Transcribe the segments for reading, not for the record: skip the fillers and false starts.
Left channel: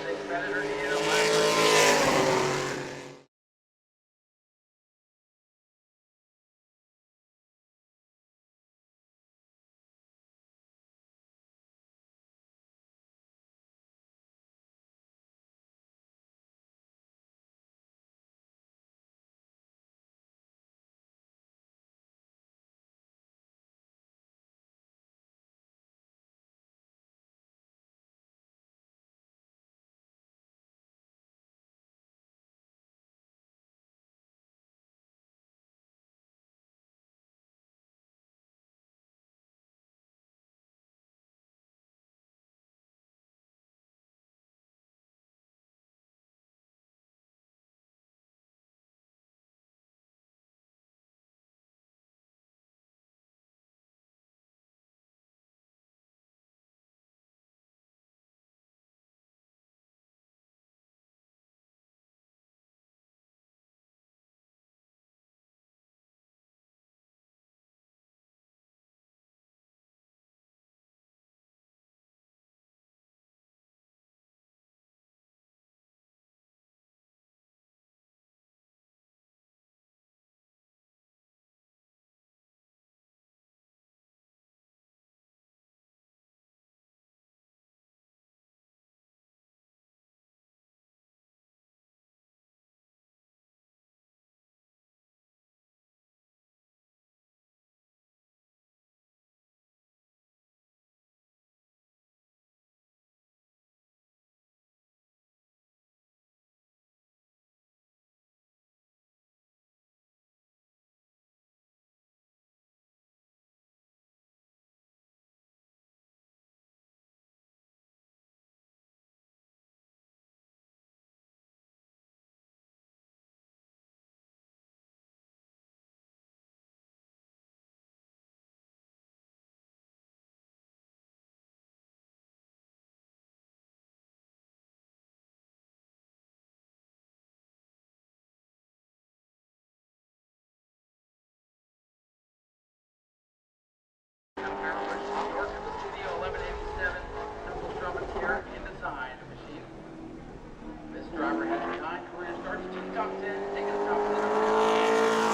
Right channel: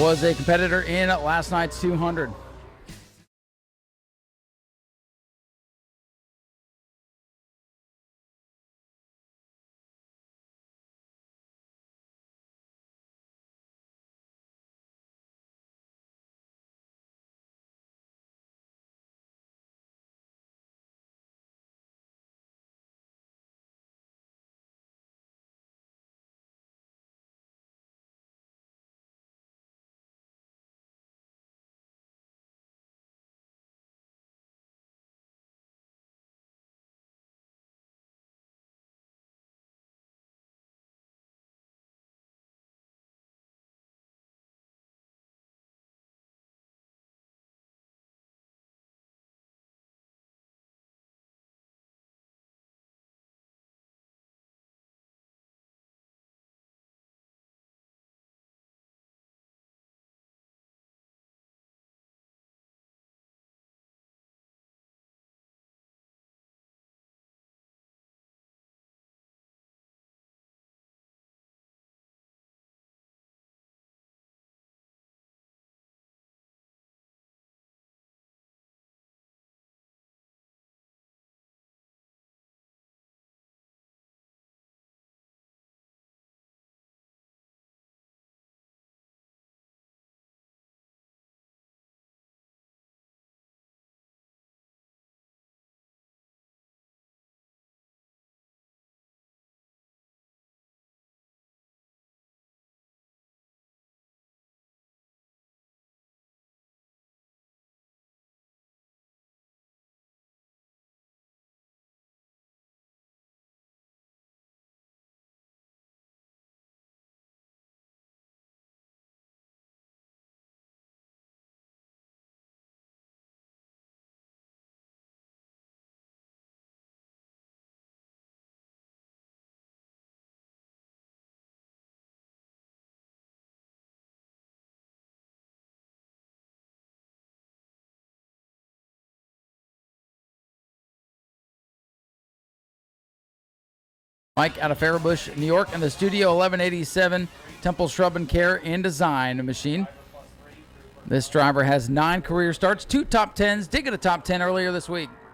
was a competitor in last night's 200. Mike out of Faribault, New York, and the Studio 1187 Temple Shrub and Care and Design machine. This driver has 9 career starts, 2 top 10s, did get a top 10 earlier this week.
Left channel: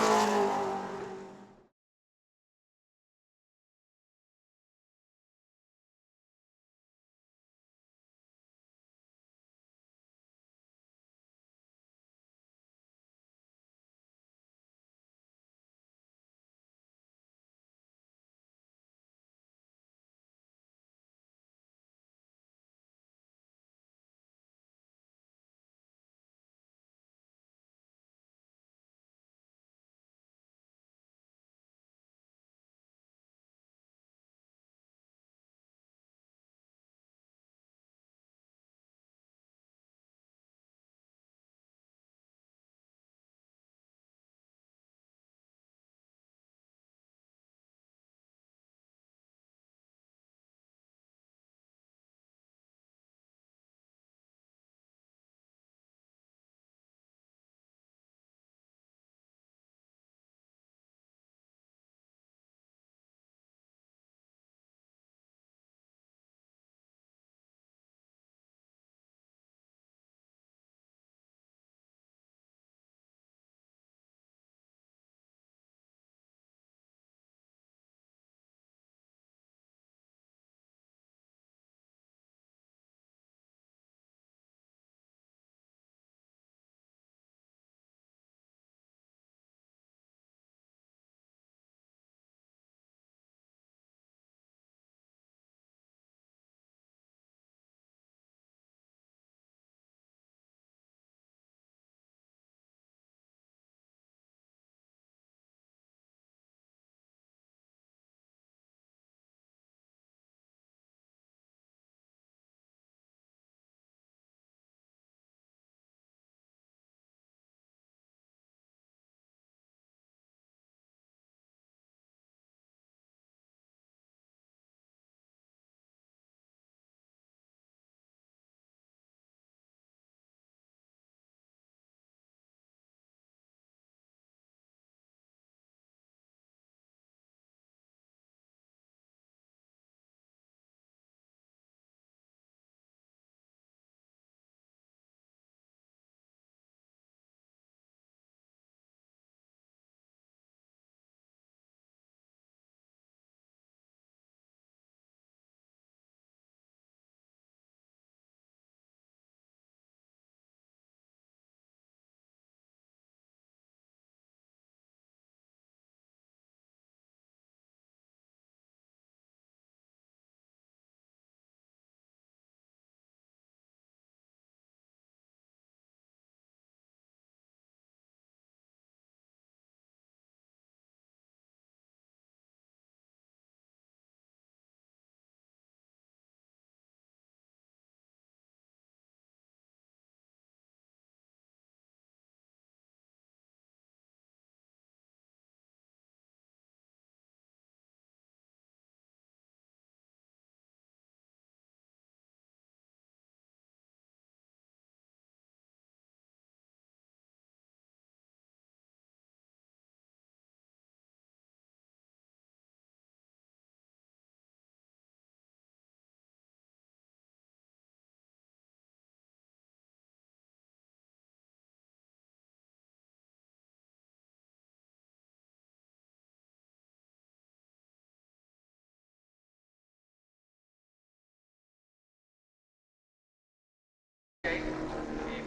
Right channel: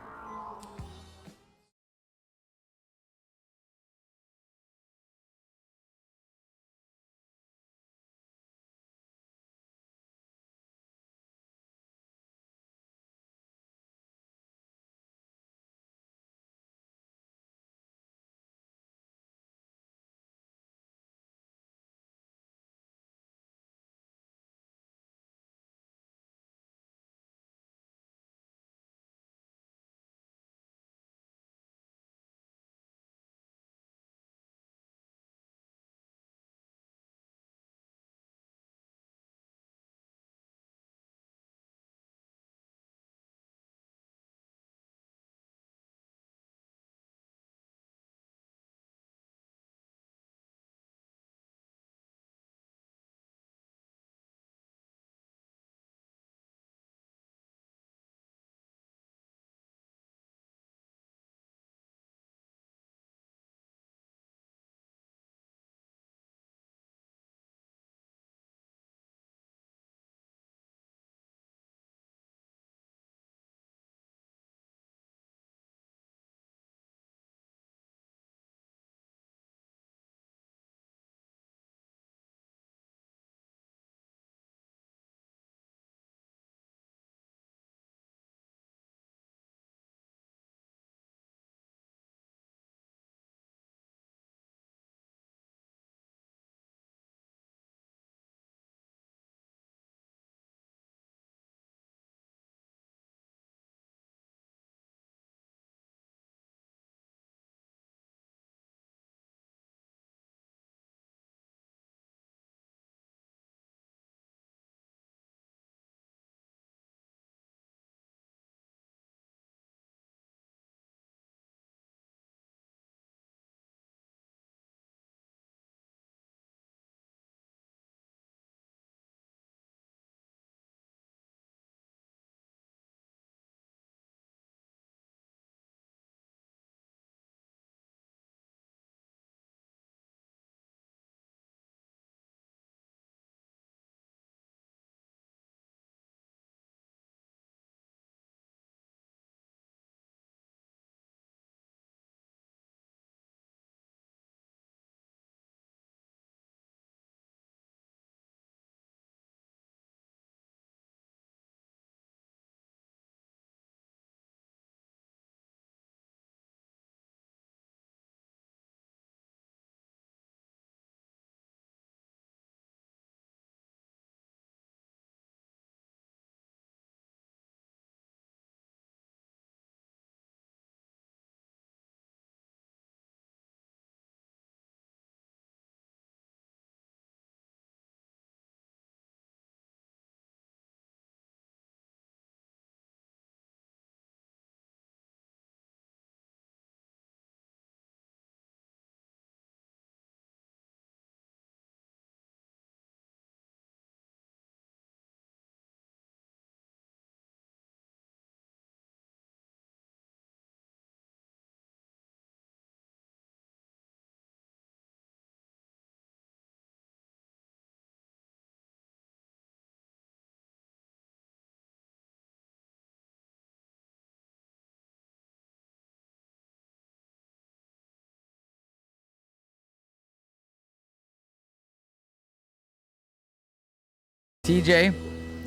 TJ,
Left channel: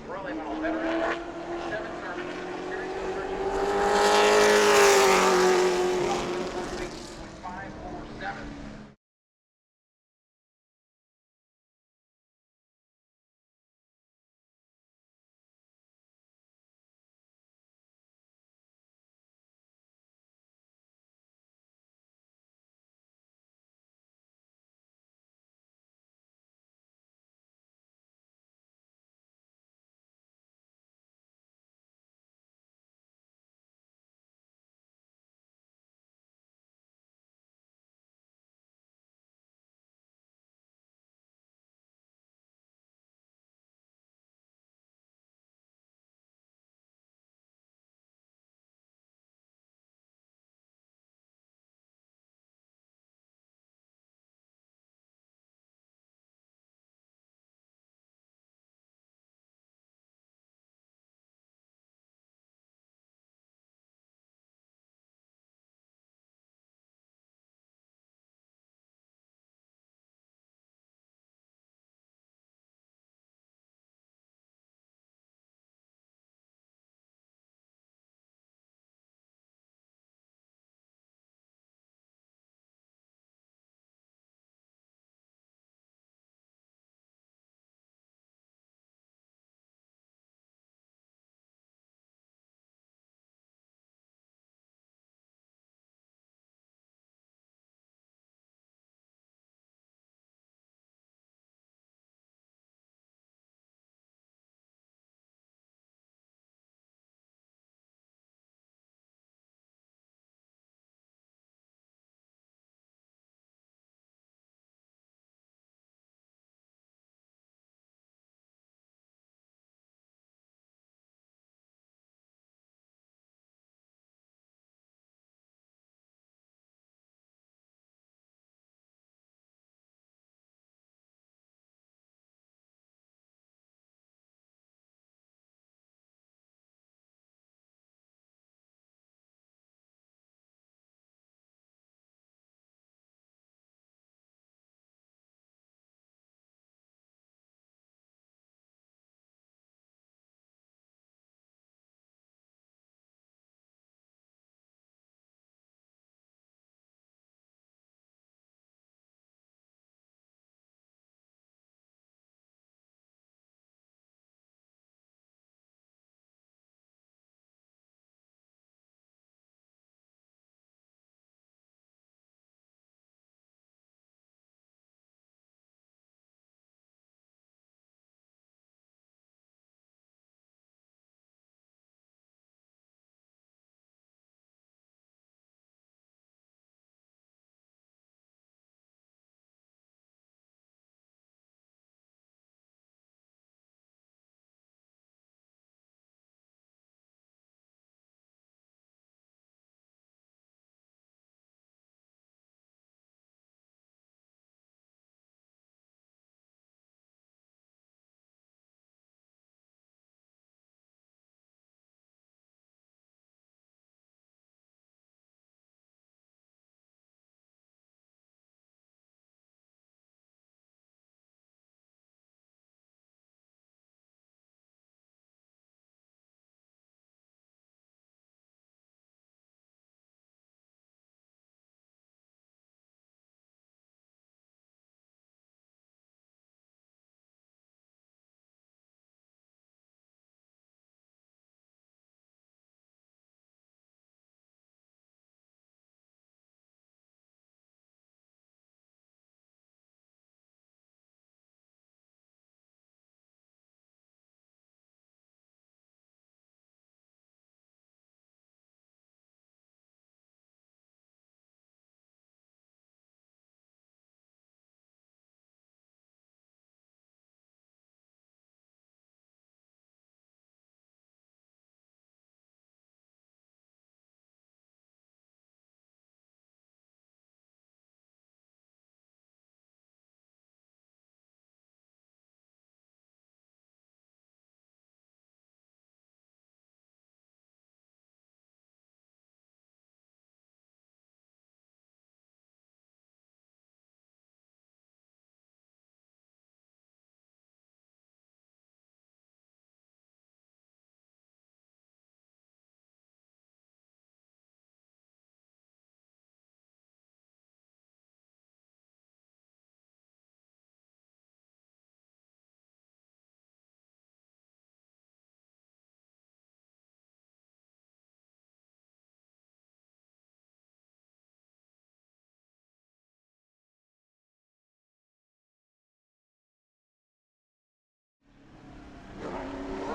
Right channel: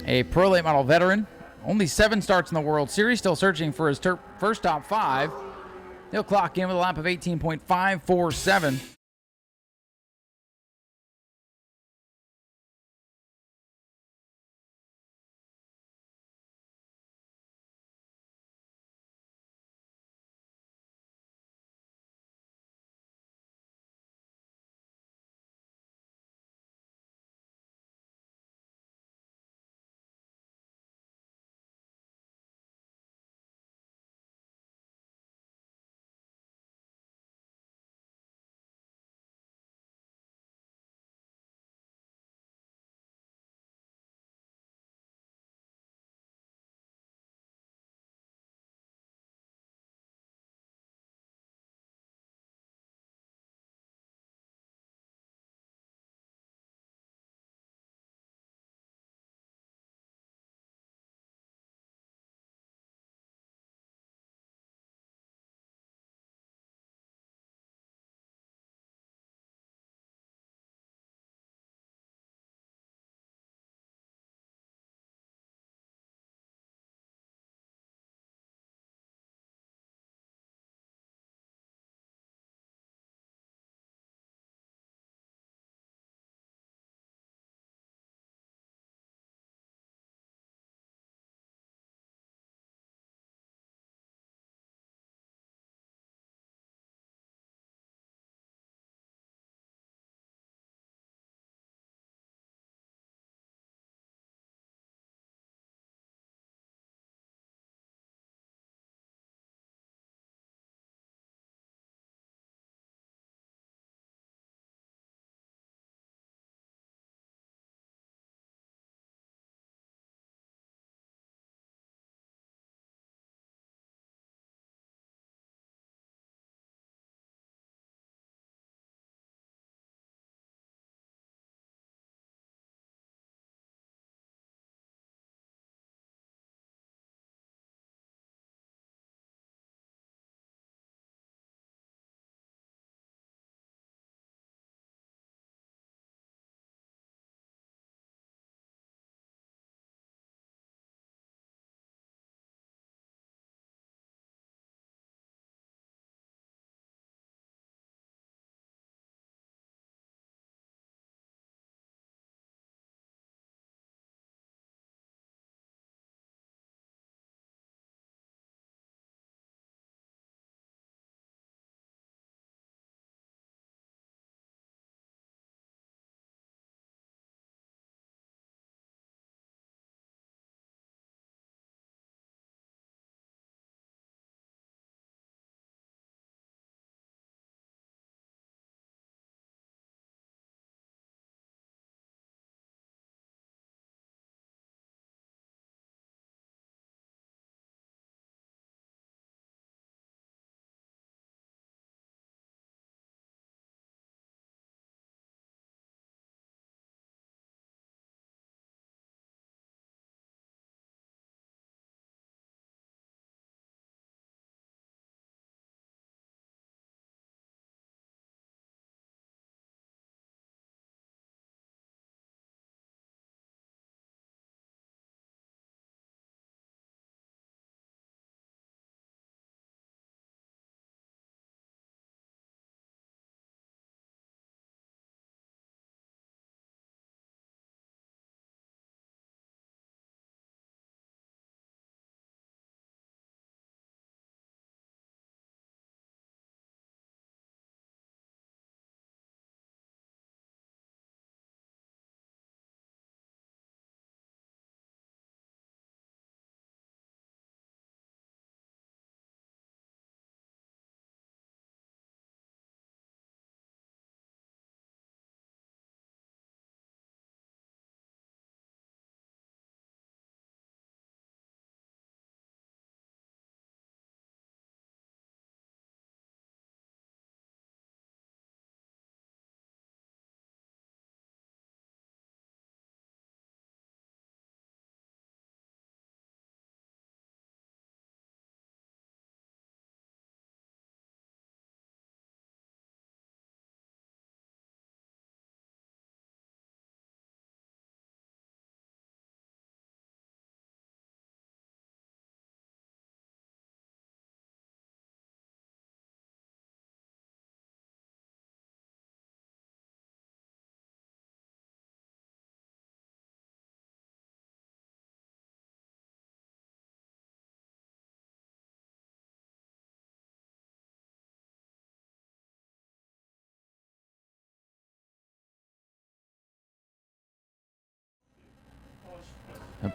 a Pro Late Model veteran. Only 7 starts in the World Series, still searching for his first top 5. He'll clock in with a lap of 18.547.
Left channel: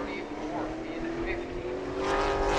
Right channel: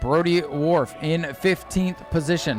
Brody Wharf in 15th position.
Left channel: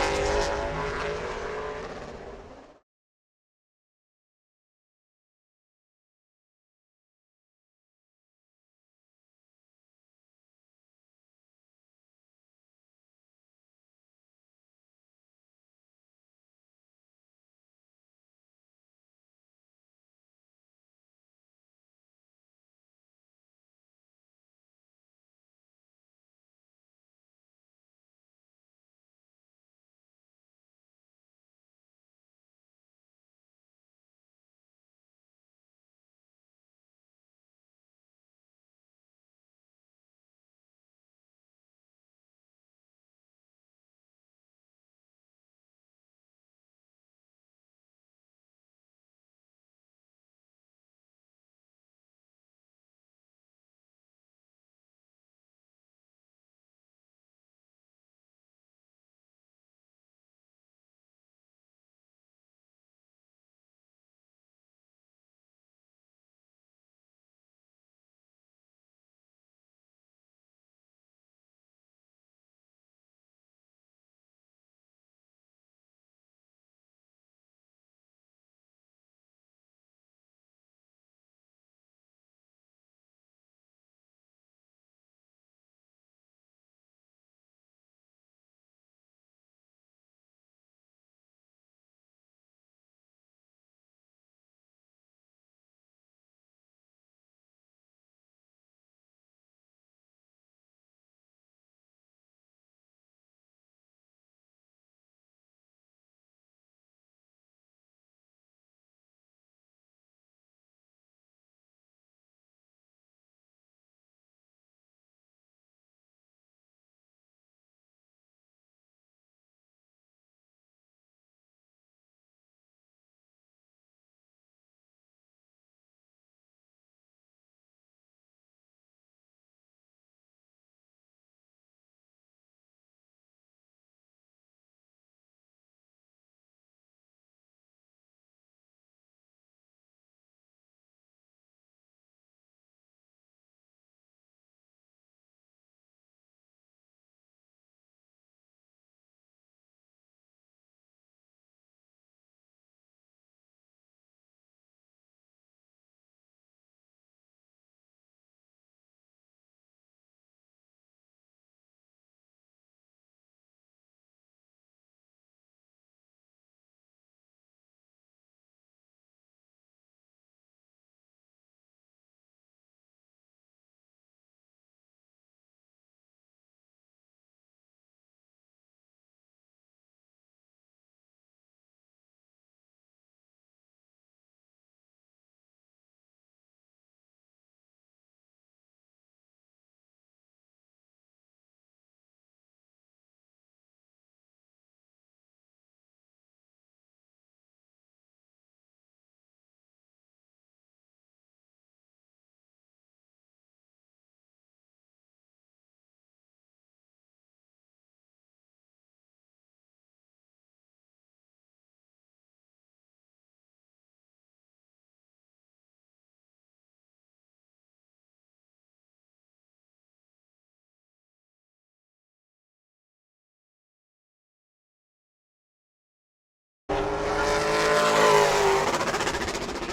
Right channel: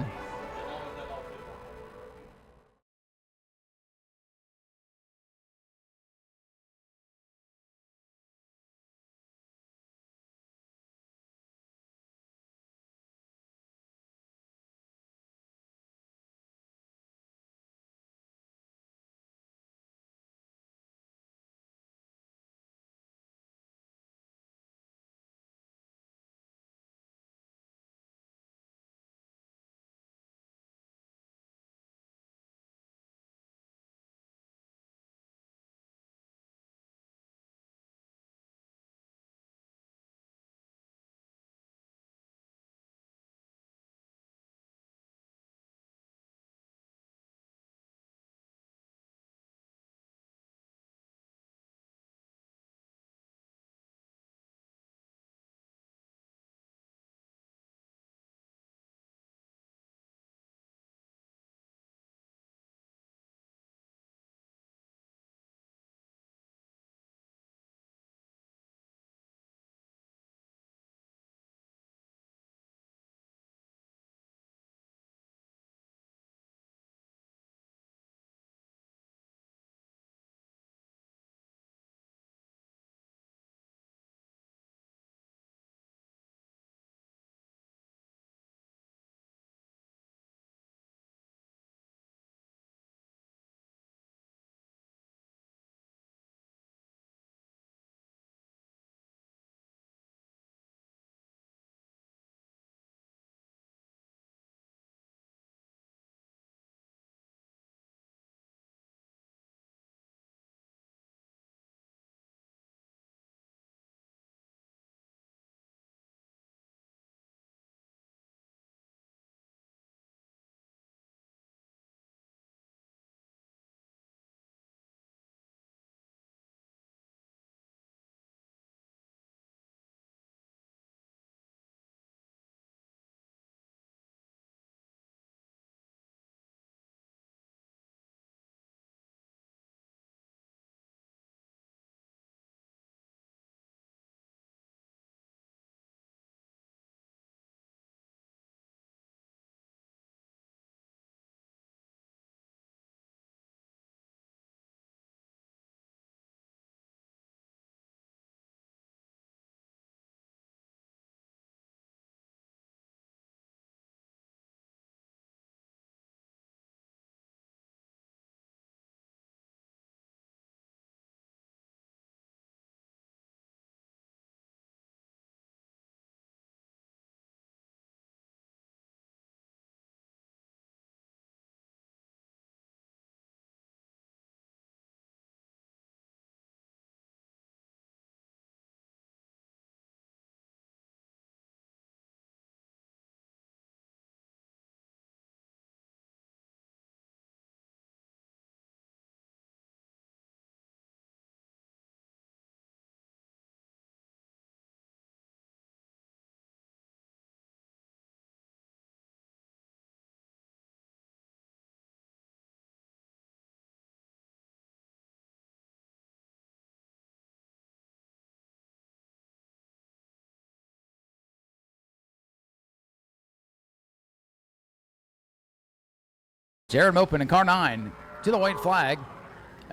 Jared open in car 9 to the white flag.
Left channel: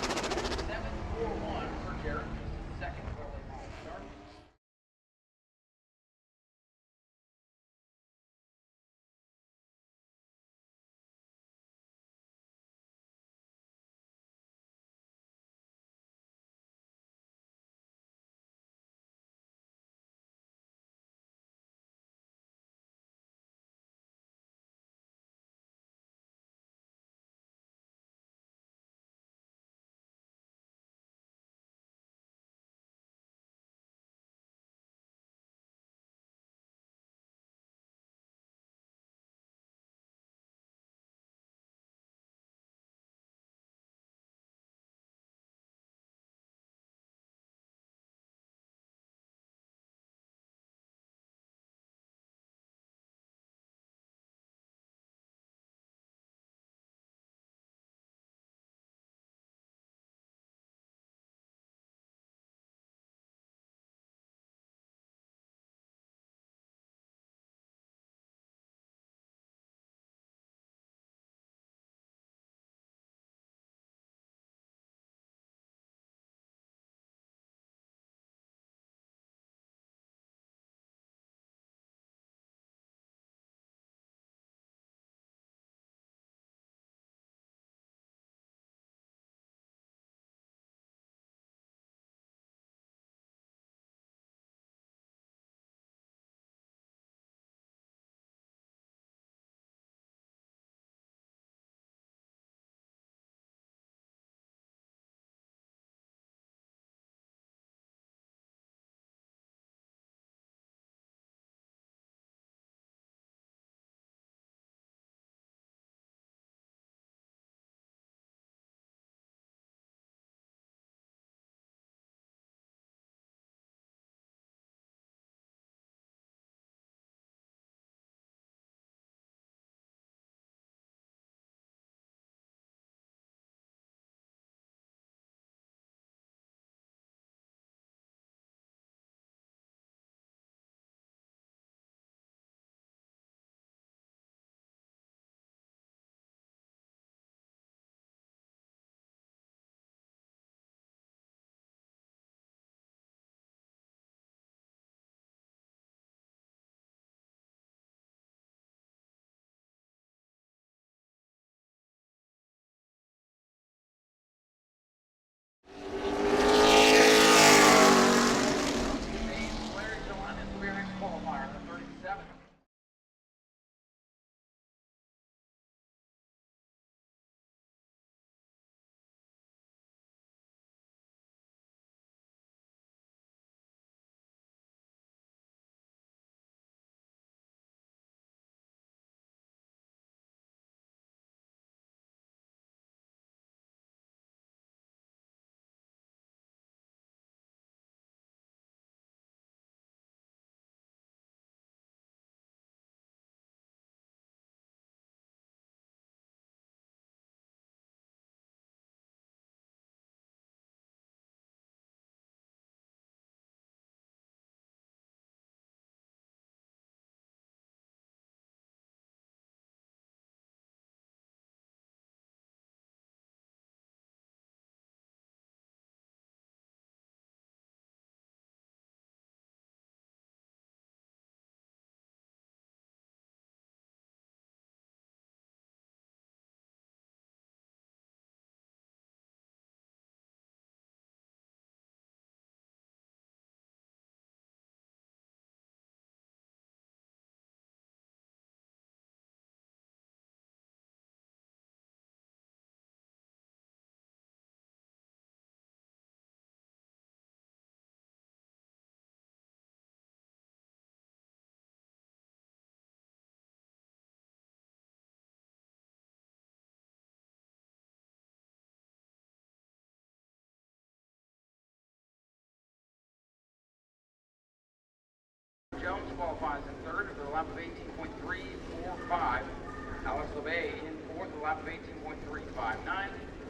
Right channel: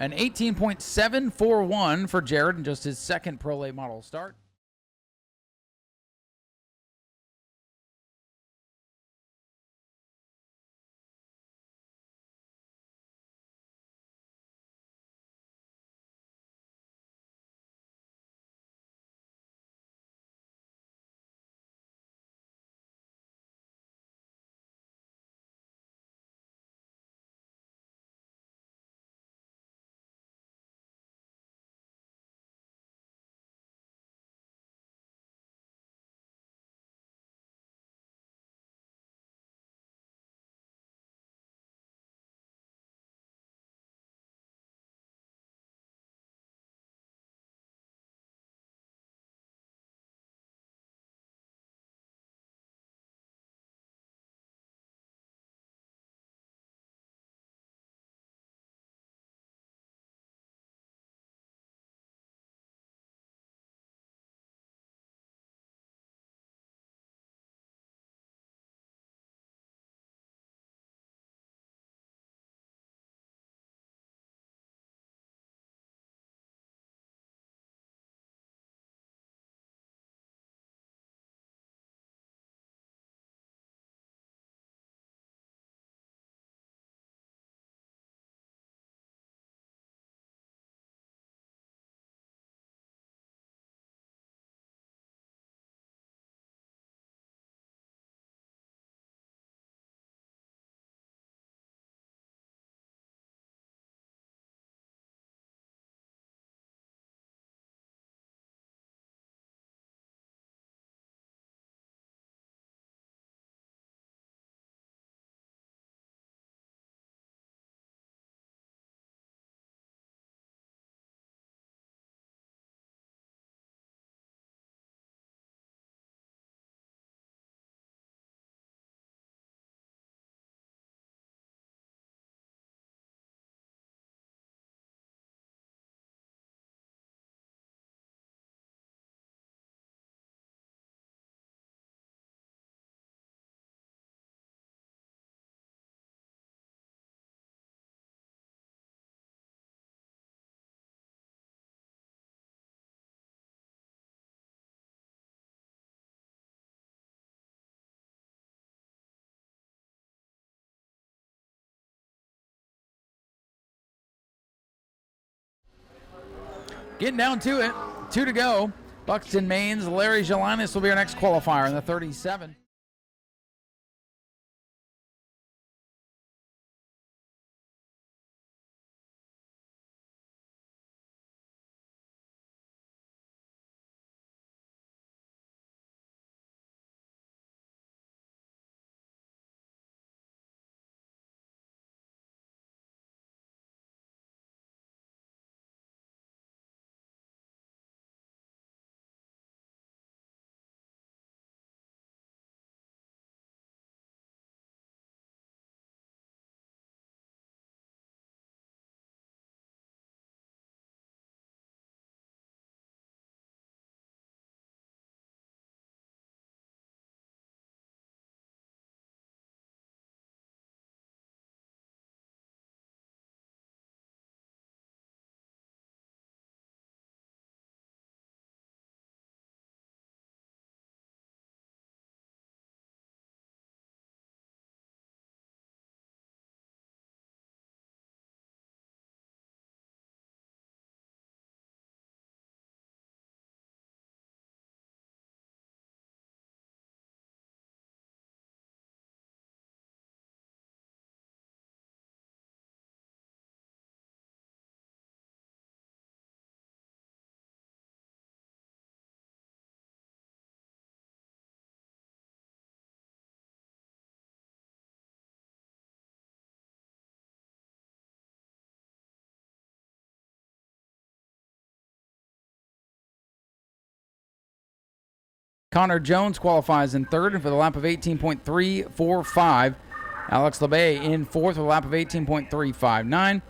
An 18.741 for Jared in just his second Pro Late Model start. Buxton, Maine's Larry Jelinas will be our next qualifier in the 37. Connor Jones qualifies in third for the lap of 18.345. Alex LeBay in fourth with a lap of 18.359.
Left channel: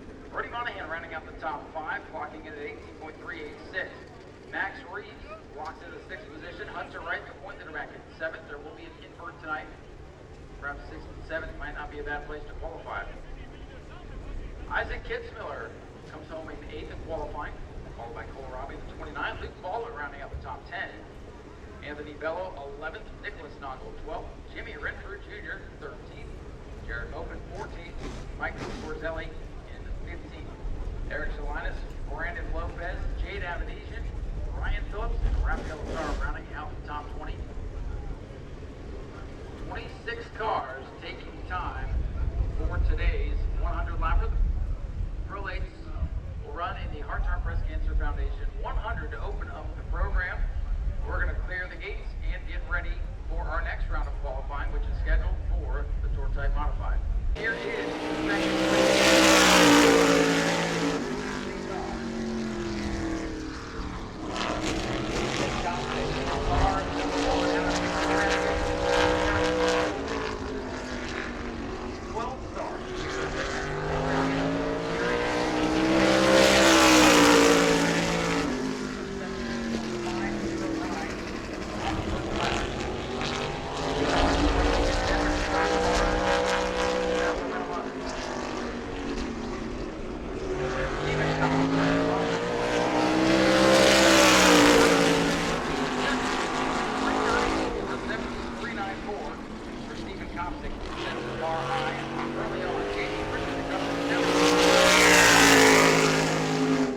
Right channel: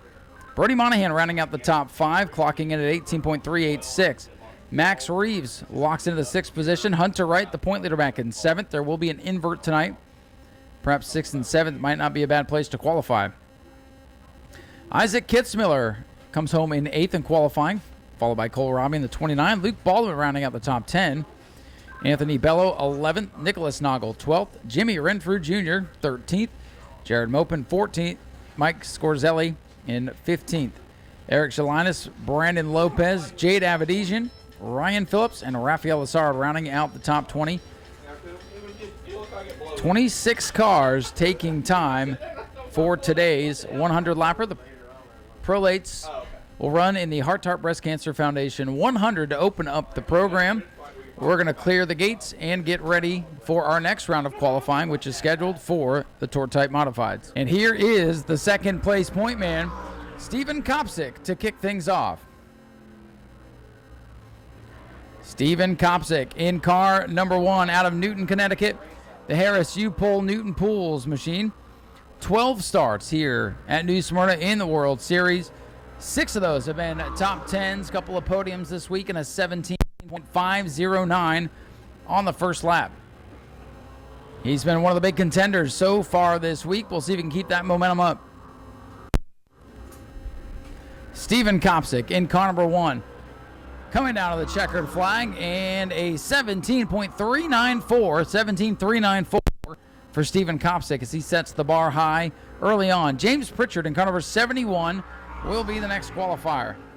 Brody Monahan rounding out the top five, clocking in at 18.386. Max Reeves locks into the sixth position. Hunter Wright, the point leader, back in seventh. There will be an invert tonight. Perhaps sixth and seventh might not be a bad place to qualify. Isaac Kitzmiller comes home in eighth in qualifying, followed by Cole Robbie in the 29. Luke Baldwin rounding out the top 10. Anthony Bello, 11th. Nicholas Noggle, 12th. Jimmy Renfrew Jr., 13th. Jared Mopin, 14th. Mike Scorzelli in 15th. Eric Jelinas, Brandon Lopez, Jade Avedisian, Ryan Phillips, and Rafael Lazard rounding out the top 20. 26 cars taking time for today's 100-lapper. The prolates will run in the Heart Tart Breast Cancer Foundation 100 to open up the program. We're going to clear the gates and get ready for our next round of qualifying, which is scheduled for the Tour Type Modifieds. And here is the second place winner, Stephen Kopsick, to kick things off. Stephen Kopsick in car number one out of Newton, Connecticut, the Harris U-Pole Newton Pools machine. 12 starts here at New Smyrna in the World Series. 6 of those top 10, a couple of podiums this week, and a 17.509 on the first lap. He's been one of the big contenders so far this week. We'll see if we can keep that momentum up. Stephen Kopsick in car number one. Coming out of the checkered flag, and a 17.394 for Stephen Kopsick as he sets the bar high early on. James Pritchard in car number 71 qualifier.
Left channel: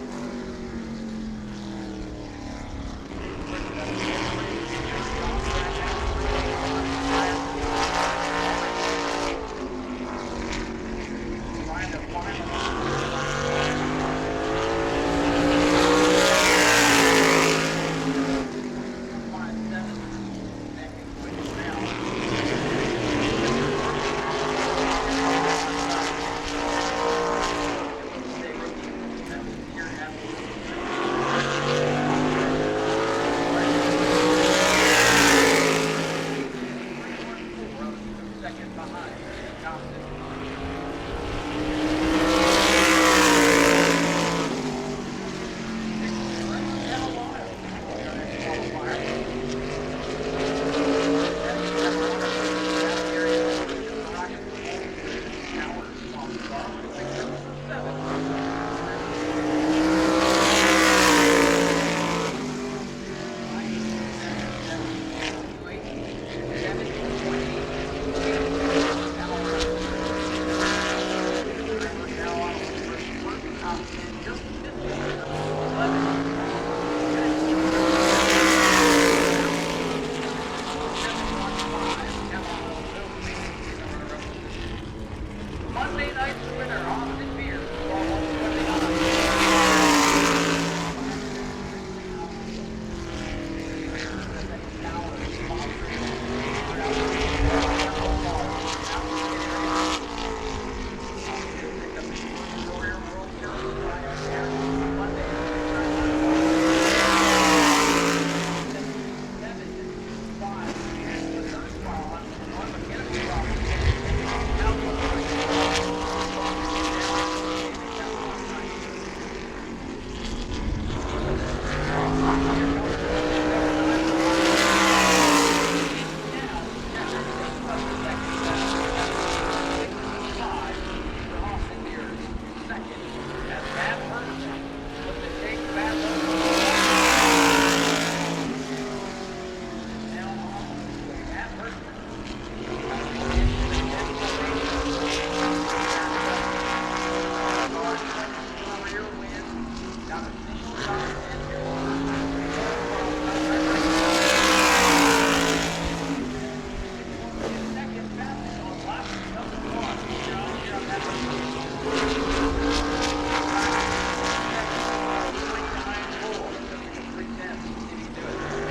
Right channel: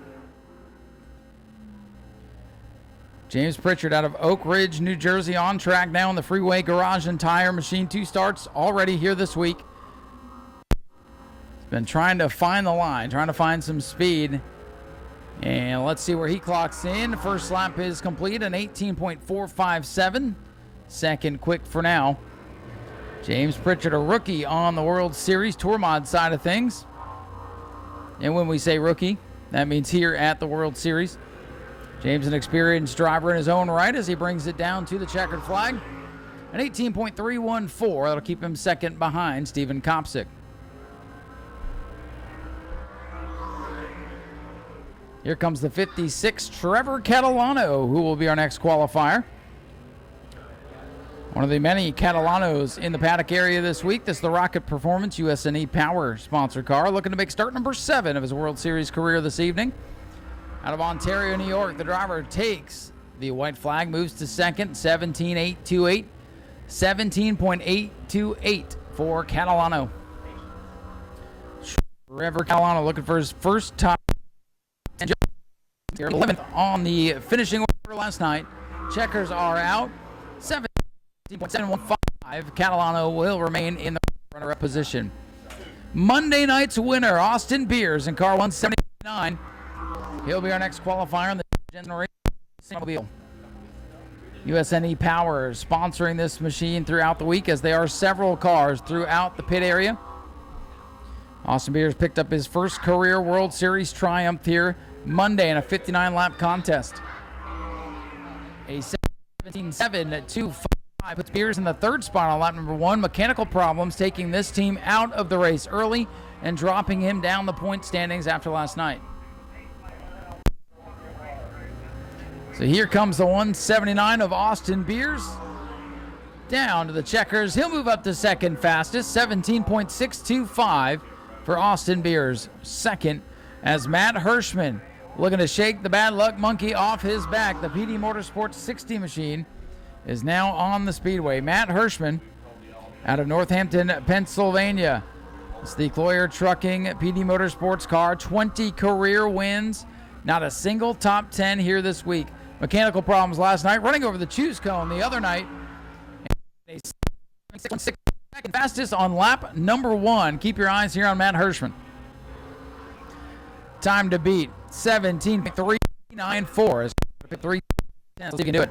James Pritchard out of Oak Ridge, New Jersey, on track now in the Freeway Garage and Tire machine. 2 starts already here this week. Been trying to find the line, trying to find some speed. And let's see what his first lap is complete, an 18.457. Second quick for now. James Pritchard, a rookie on the World Series Tour Mod side of things. And when we say rookie, that means here at the World Series. James an experienced driver in his own right as he brings it down to the line. An 18.314. That'll keep him second behind Stephen Kopsick. Here comes the 56, Trevor Catalano, who will be our next qualifier. One of the many Catalanos in the paddock area this week. This is the Rocket Performance USNE Power sponsor car, looking to make start number 7 of his World Series career this evening. The driver takes the white flag, moves to second, 17.828. 17.828 for Catalano. Trevor Catalano looking for his first top. 11 on the finishing last night. Checkers are out. 7-1-5. Catalano will remain in the position. Monday night's winner, Austin Beers in car 179. He'll be our next qualifier in the race. USNE Power sponsoring this machine throughout the week, as there are several cars throughout the pit area. Austin Beers picked up his first career World Series triumph here Monday in a 59-lap contest. 17-7-2-5. Beers in the third spot on lap number 1. Mechanical problems taking this team out of the race early and dropping him down the point standings after last night. So here comes the 179 of Austin Beers. Down to the checkers. He'll move up to second fastest. 17.625 for Austin Beers. Second, as Matt Hirschman looking to shake the bad luck monkey off his back. The Hughes Motorsports 60 machine is now on the Speedway. Matt Hirschman out of Northampton, Pennsylvania. It's the Boyer Trucking PB Motorsports car. 20 career wins. Not a single top 10 here this week. Mechanical problems last night. Running over the shoe the other night. Fastest on lap number 1. Keep your eyes here on Matt Hirschman. Time to beat 17.394. 3. He can do it.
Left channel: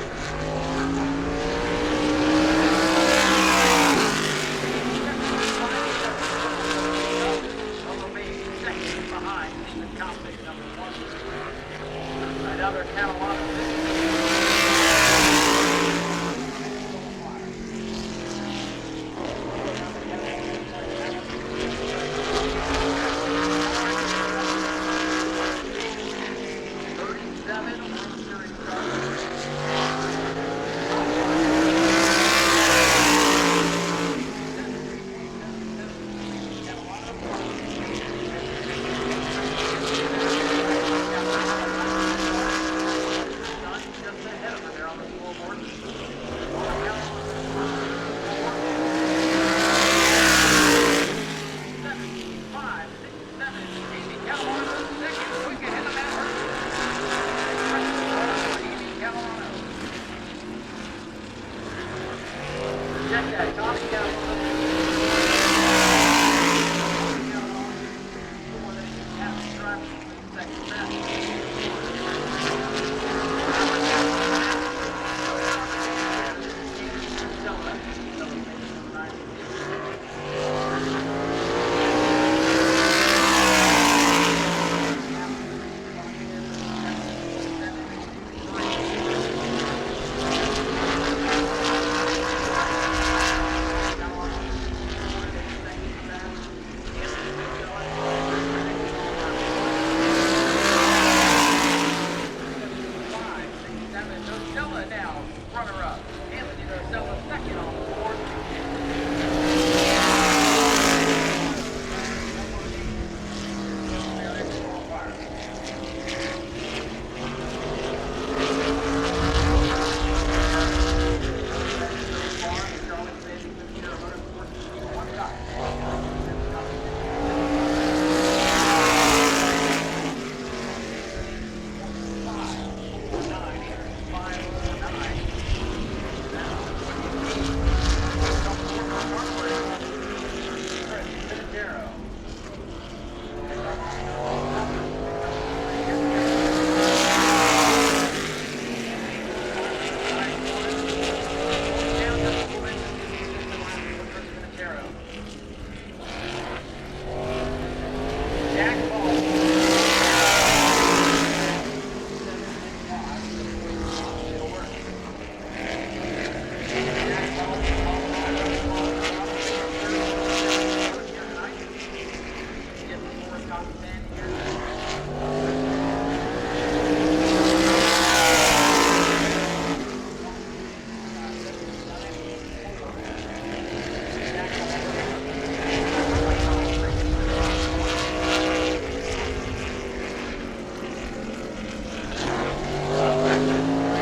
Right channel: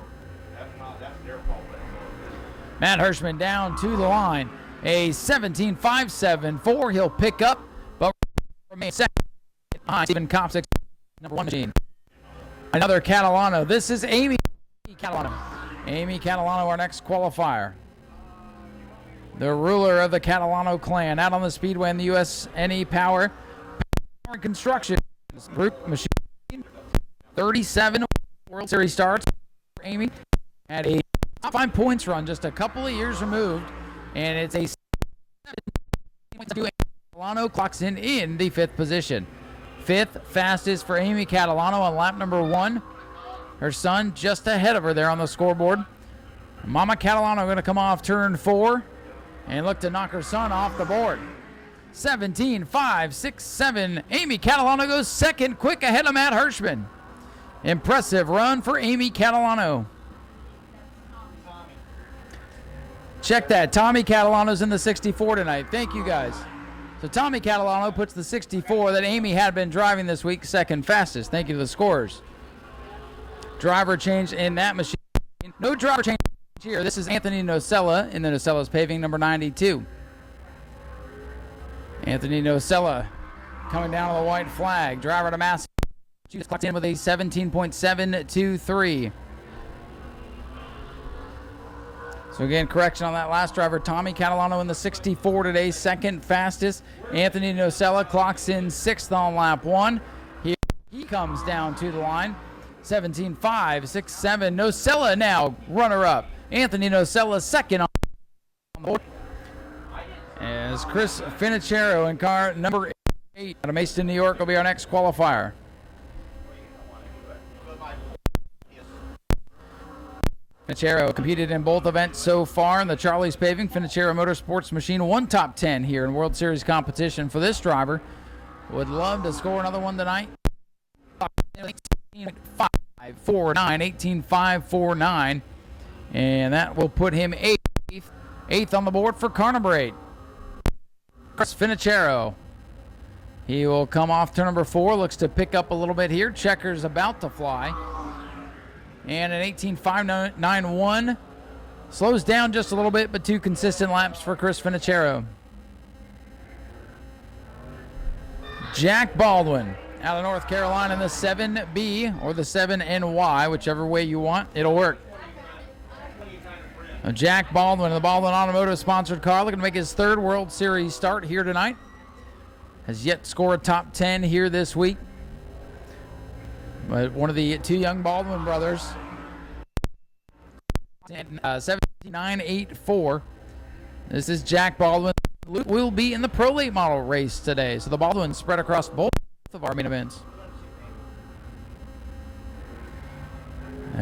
Matt Hirschman down to the line. A 17.574. He'll pick up. But second. Stephen Kopsick. One machine. Another Catalano. This is Amy Catalano, our next qualifier. The ruler of the Catalano clan. Out on the Speedway in the USNE Power Construction Group machine. 37 World Series starts. And a 5 points on it. And it's a Catalano clocks in the 5th position. 5th fastest for Amy Catalano on lap number 1. Her son just ahead of her there on the scoreboard. Mama Catalano going to come off turn 4. And look to knock the son off the board. 17.567. Amy Catalano goes second, quick ahead of Matt Hirschman. Impressive run for Amy Catalano. Check that. Tommy Catalano's in the 64 tonight. So Tommy Catalano puts the 64 that Amy had been driving this week second fastest. Thank you to the scores. Driver change in that machine. No driver change here. This is Anthony Nocella in the Nocella's paving, number 92. Anthony Nocella on the white flag. Driver to mask. In with a 17.723. Again, correction on that last driver. Tommy Catalano in the 64 today, second fastest. Anthony Nocella clocks in 6th on lap 1. 17.567. Nocella now runner-up. Anthony Nocella second on. Chris Finachero in car number 8 out of Mason, New York will be our next qualifier. Finachero competed in both events so far in the Charlie's Paving. Finachero Motorsports machine, 1 top 10 here in World Series competition for this driver. One tonight. 18.549, and that will put him 8th on the board for car number 8. Chris Finachero. He will come off turn number 4, looks to pick up a little bit here. Checkers about the and an 18.591. Slows down just a little bit, but 2 consistent laps for Chris Finachero. Jack Baldwin, North Carolina, the 7B or the 7NY, whichever way you want, it'll work. The Jack Baldwin, the Baldwin Automotive sponsored car, looking to make his 3rd World Series start here tonight. Has yet to score a top 10 here this week. One of the 7984. This is Jack Baldwin. Will be in the Pro League model race today. So the Baldwin spread across both Army events.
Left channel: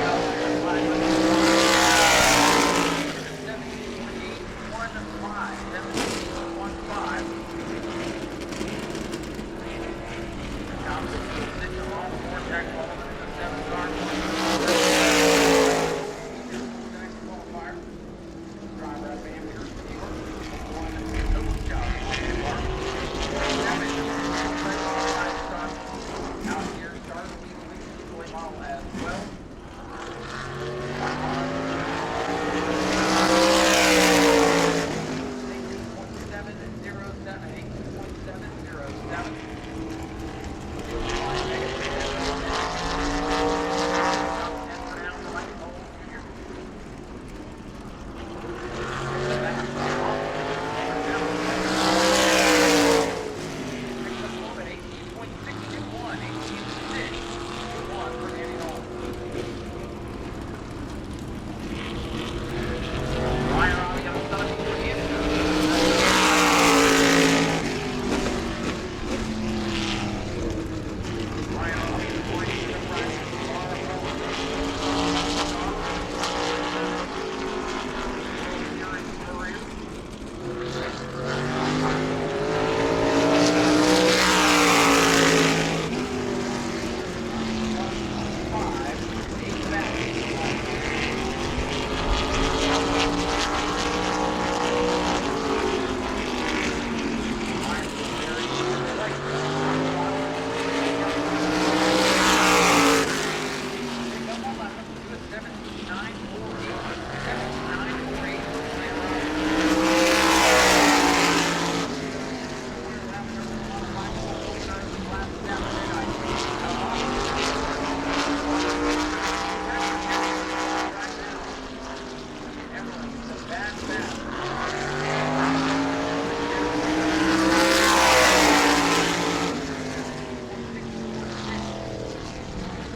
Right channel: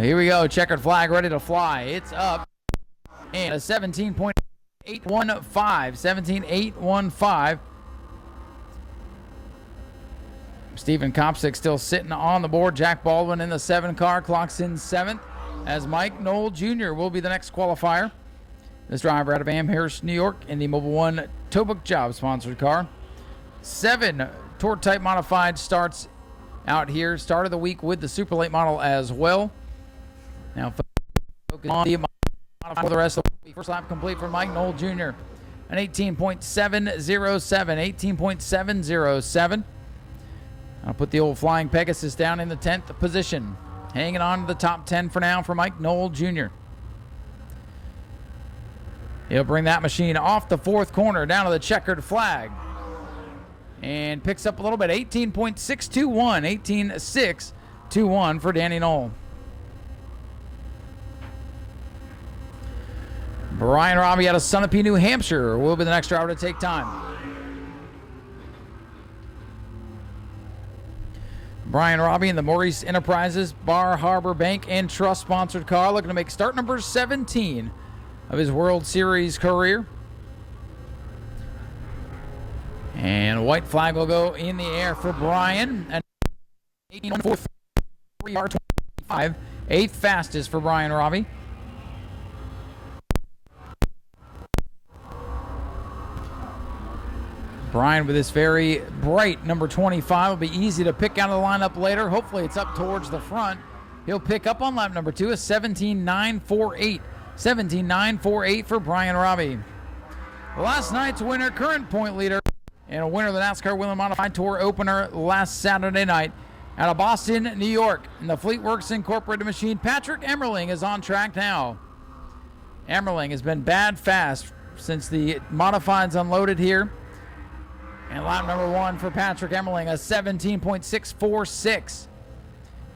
Here we go. Checkered flag ready to fly. And a 17.815. 17.815. Stephen Kopsick still sitting on the board. Jack Baldwin in the 7 car, clocks in the 7, as Mike Knoll Jr. will be the next qualifier. This driver out of Amherst, New York, in the Mobile One Tuebok job sponsored car. 7 Tour Type Modified starts out here. Start of the week with the Super Late model as well. Now, on the rest of Mike Knoll Jr. An 18.707, 18.707. I'll put the old Flying Pegasus down in the 10th position. Hanging on to the top 10 for now for Mike Knoll Jr. He'll bring that machine off the 4th corner down to the checkered flag. And picks up a little bit, 18.621, 18.621 for Danny Knoll. Ryan Robbie out of Sunapee, New Hampshire will be the next driver to take on. Brian Robbie in the Maurice Enterprises Bar Harbor Bank and Trust sponsored car, looking to make start number 17 of his World Series career. And a white flag over there for Brian at 5, 8th fastest for Brian Robbie. Brian with this very bright number 25 will be easy to pick out of the lineup later. Hopefully towards the front. He'll pick up on lap number 2, a 17.948. 17.948 for Brian Robbie. Last night's winner, current point leader, and a winner of the NASCAR Women Modified Tour opener last Saturday night out of Boston, New York. And the Fleetworks Incorporated machine, Patrick Emmerling, is on track now. Emmerling has been bad fast since the modifieds unloaded here. Patrick Emmerling, a 17.646.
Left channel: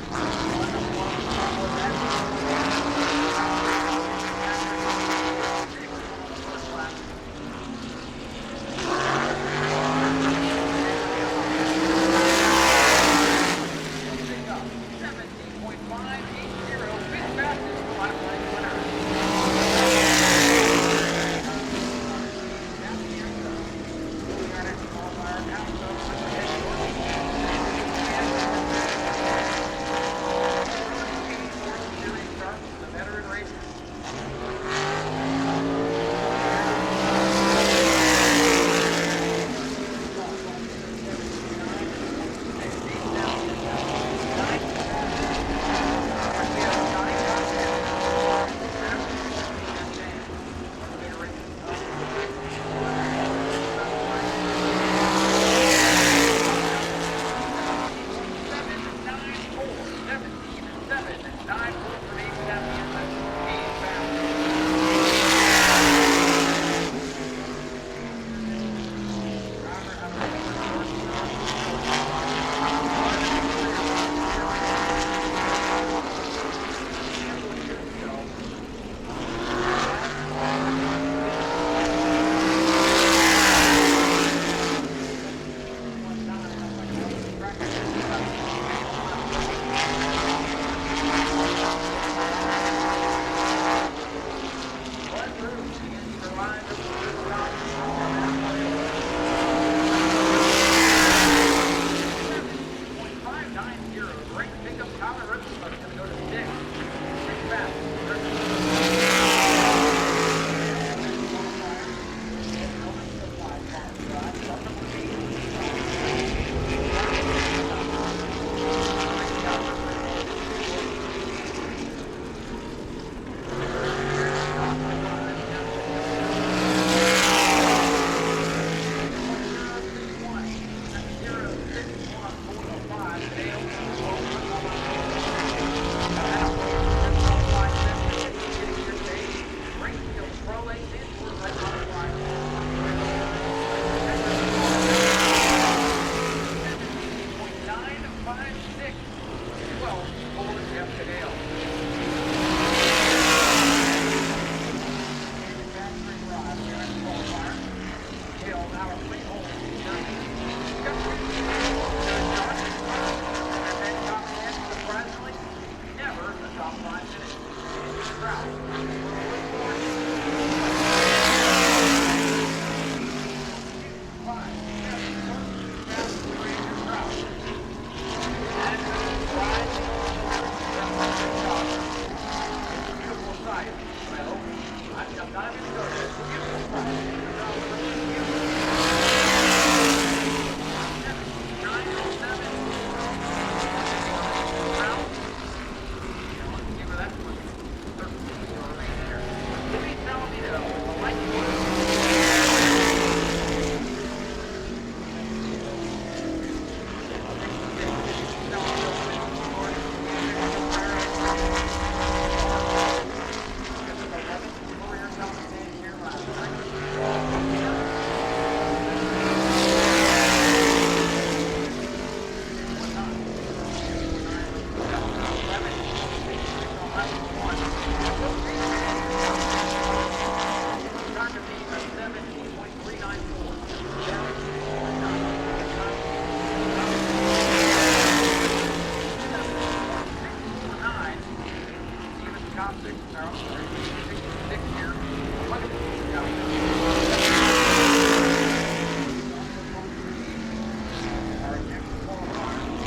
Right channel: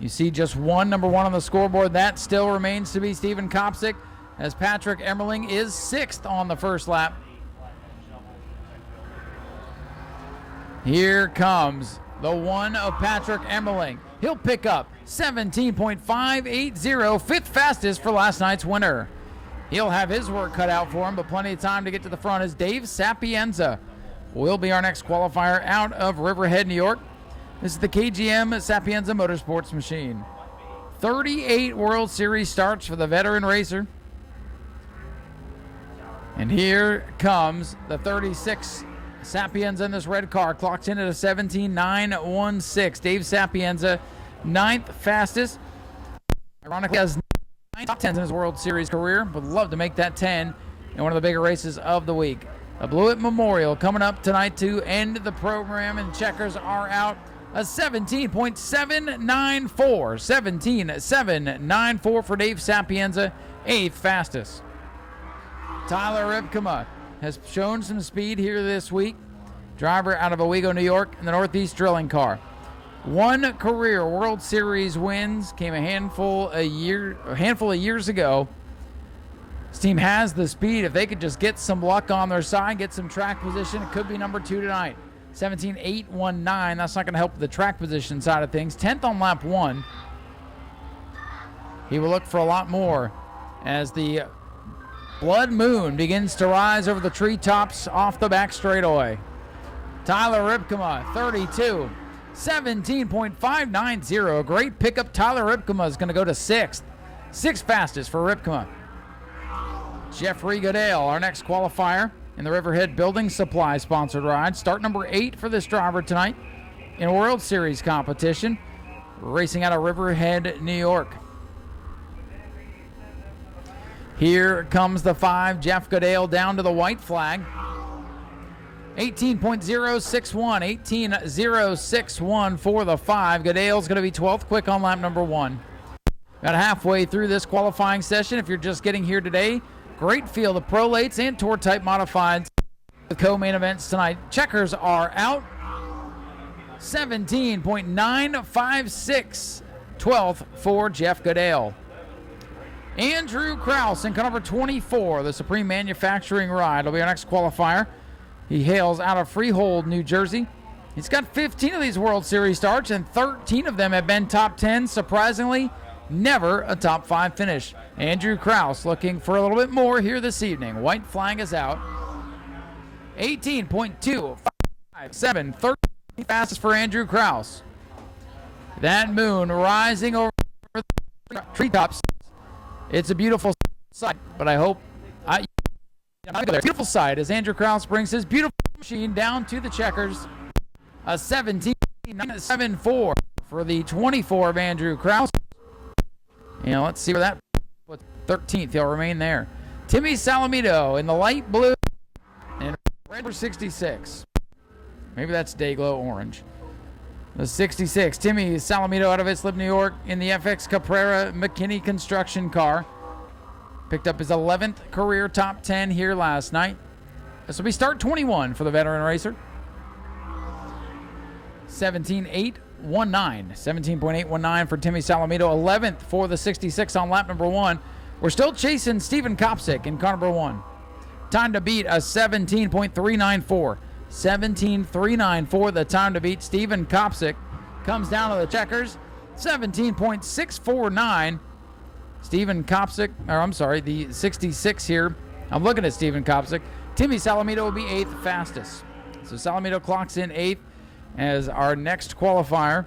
You see just number one on the scoreboard. That still remains to be Stephen Kopsick, as Patrick Emmerling is 6th on the first lap. Here comes the one of Patrick Emmerling. He'll pick up 17.580, 5th fastest for last night's winner. He'll have his cut out for him with plenty of time to get to the front, as Dave Sapienza will be our next qualifier out of Riverhead, New York. This is the KGM Sapienza Motorsports machine. 38 World Series starts for the veteran racer. And here comes the 36 Sapienza in this red car, clocked in at a 17.916. Dave Sapienza, 9th fastest. Monica's 10th World Series career. Would love to make that 10 in one of the bigger races of the week. The Blewett Memorial coming up tonight to end the program. Checkers are out a 17.794. 17.794 for Dave Sapienza, 8th fastest. Tyler has shown some speed here this week. Driver out of Owego, New York, in the Northeast Drilling car. 1 career World Series wins, came a handful of years ago. This team has the speed. If they can just get some luck on their side, get some track position, number 2 tonight. 17.819. That's not going to help the track position side of things. 10th on lap 1. He will look for a lot more as the blood moon begins to rise over the treetops off the back straightaway. Tyler Ripkema, 32. 17.590. A great pickup. Tyler Ripkema is going to go to 6th. 6th fastest for Ripkema. Jeffrey Goodale, our next qualifier in the Riverhead Building Supply sponsored ride. Start number 8 for this driver tonight in a World Series competition. Racing out of Riverhead, New York. Here comes the 5, Jeff Goodale down to the white flag. 18.061, 18.061 for the 5. Goodale's going to be 12th quick on lap number 1. About halfway through this qualifying session, if you're just getting here today, great field of prolates and tour type modifieds. The co-main events tonight. Checkers are out. 17.956. 12th for Jeff Goodale. Andrew Krause in number 24, the Supreme Manufacturing Ride, will be our next qualifier. He hails out of Freehold, New Jersey. He's got 15 of these World Series starts, and 13 of them have been top 10. Surprisingly, never a top 5 finish. Andrew Krause looking for a little bit more here this evening. White flag is out. 18.257, 13 fastest for Andrew Krause. That moon rising over the treetops. It's a beautiful sight, but I hope beautiful sight as Andrew Krause brings his beautiful down to the a 17.74 for the 24 of Andrew Krause. Let's see where that 13th, he'll remain there. Timmy Salamito in the light blue 66. Maybe that's Dayglow orange. The 66, Timmy Salamito out of Islip, New York in the FX Caprera McKinney construction car. Picked up his 11th career top 10 here last night. This will be start 21 for the veteran racer. 17.819. 17.819 for Timmy Salamito. 11th for the 66 on lap number 1. We're still chasing Stephen Kopsick in car number 1. Time to beat a 17.394. 17.394 the time to beat Stephen Kopsick. Comes down to the checkers. 17.649. Stephen Kopsick, or I'm sorry, the 66 here. I'm looking at Stephen Kopsick. Timmy Salamito is the fastest. So Salamito clocks in 8th as our next qualifier.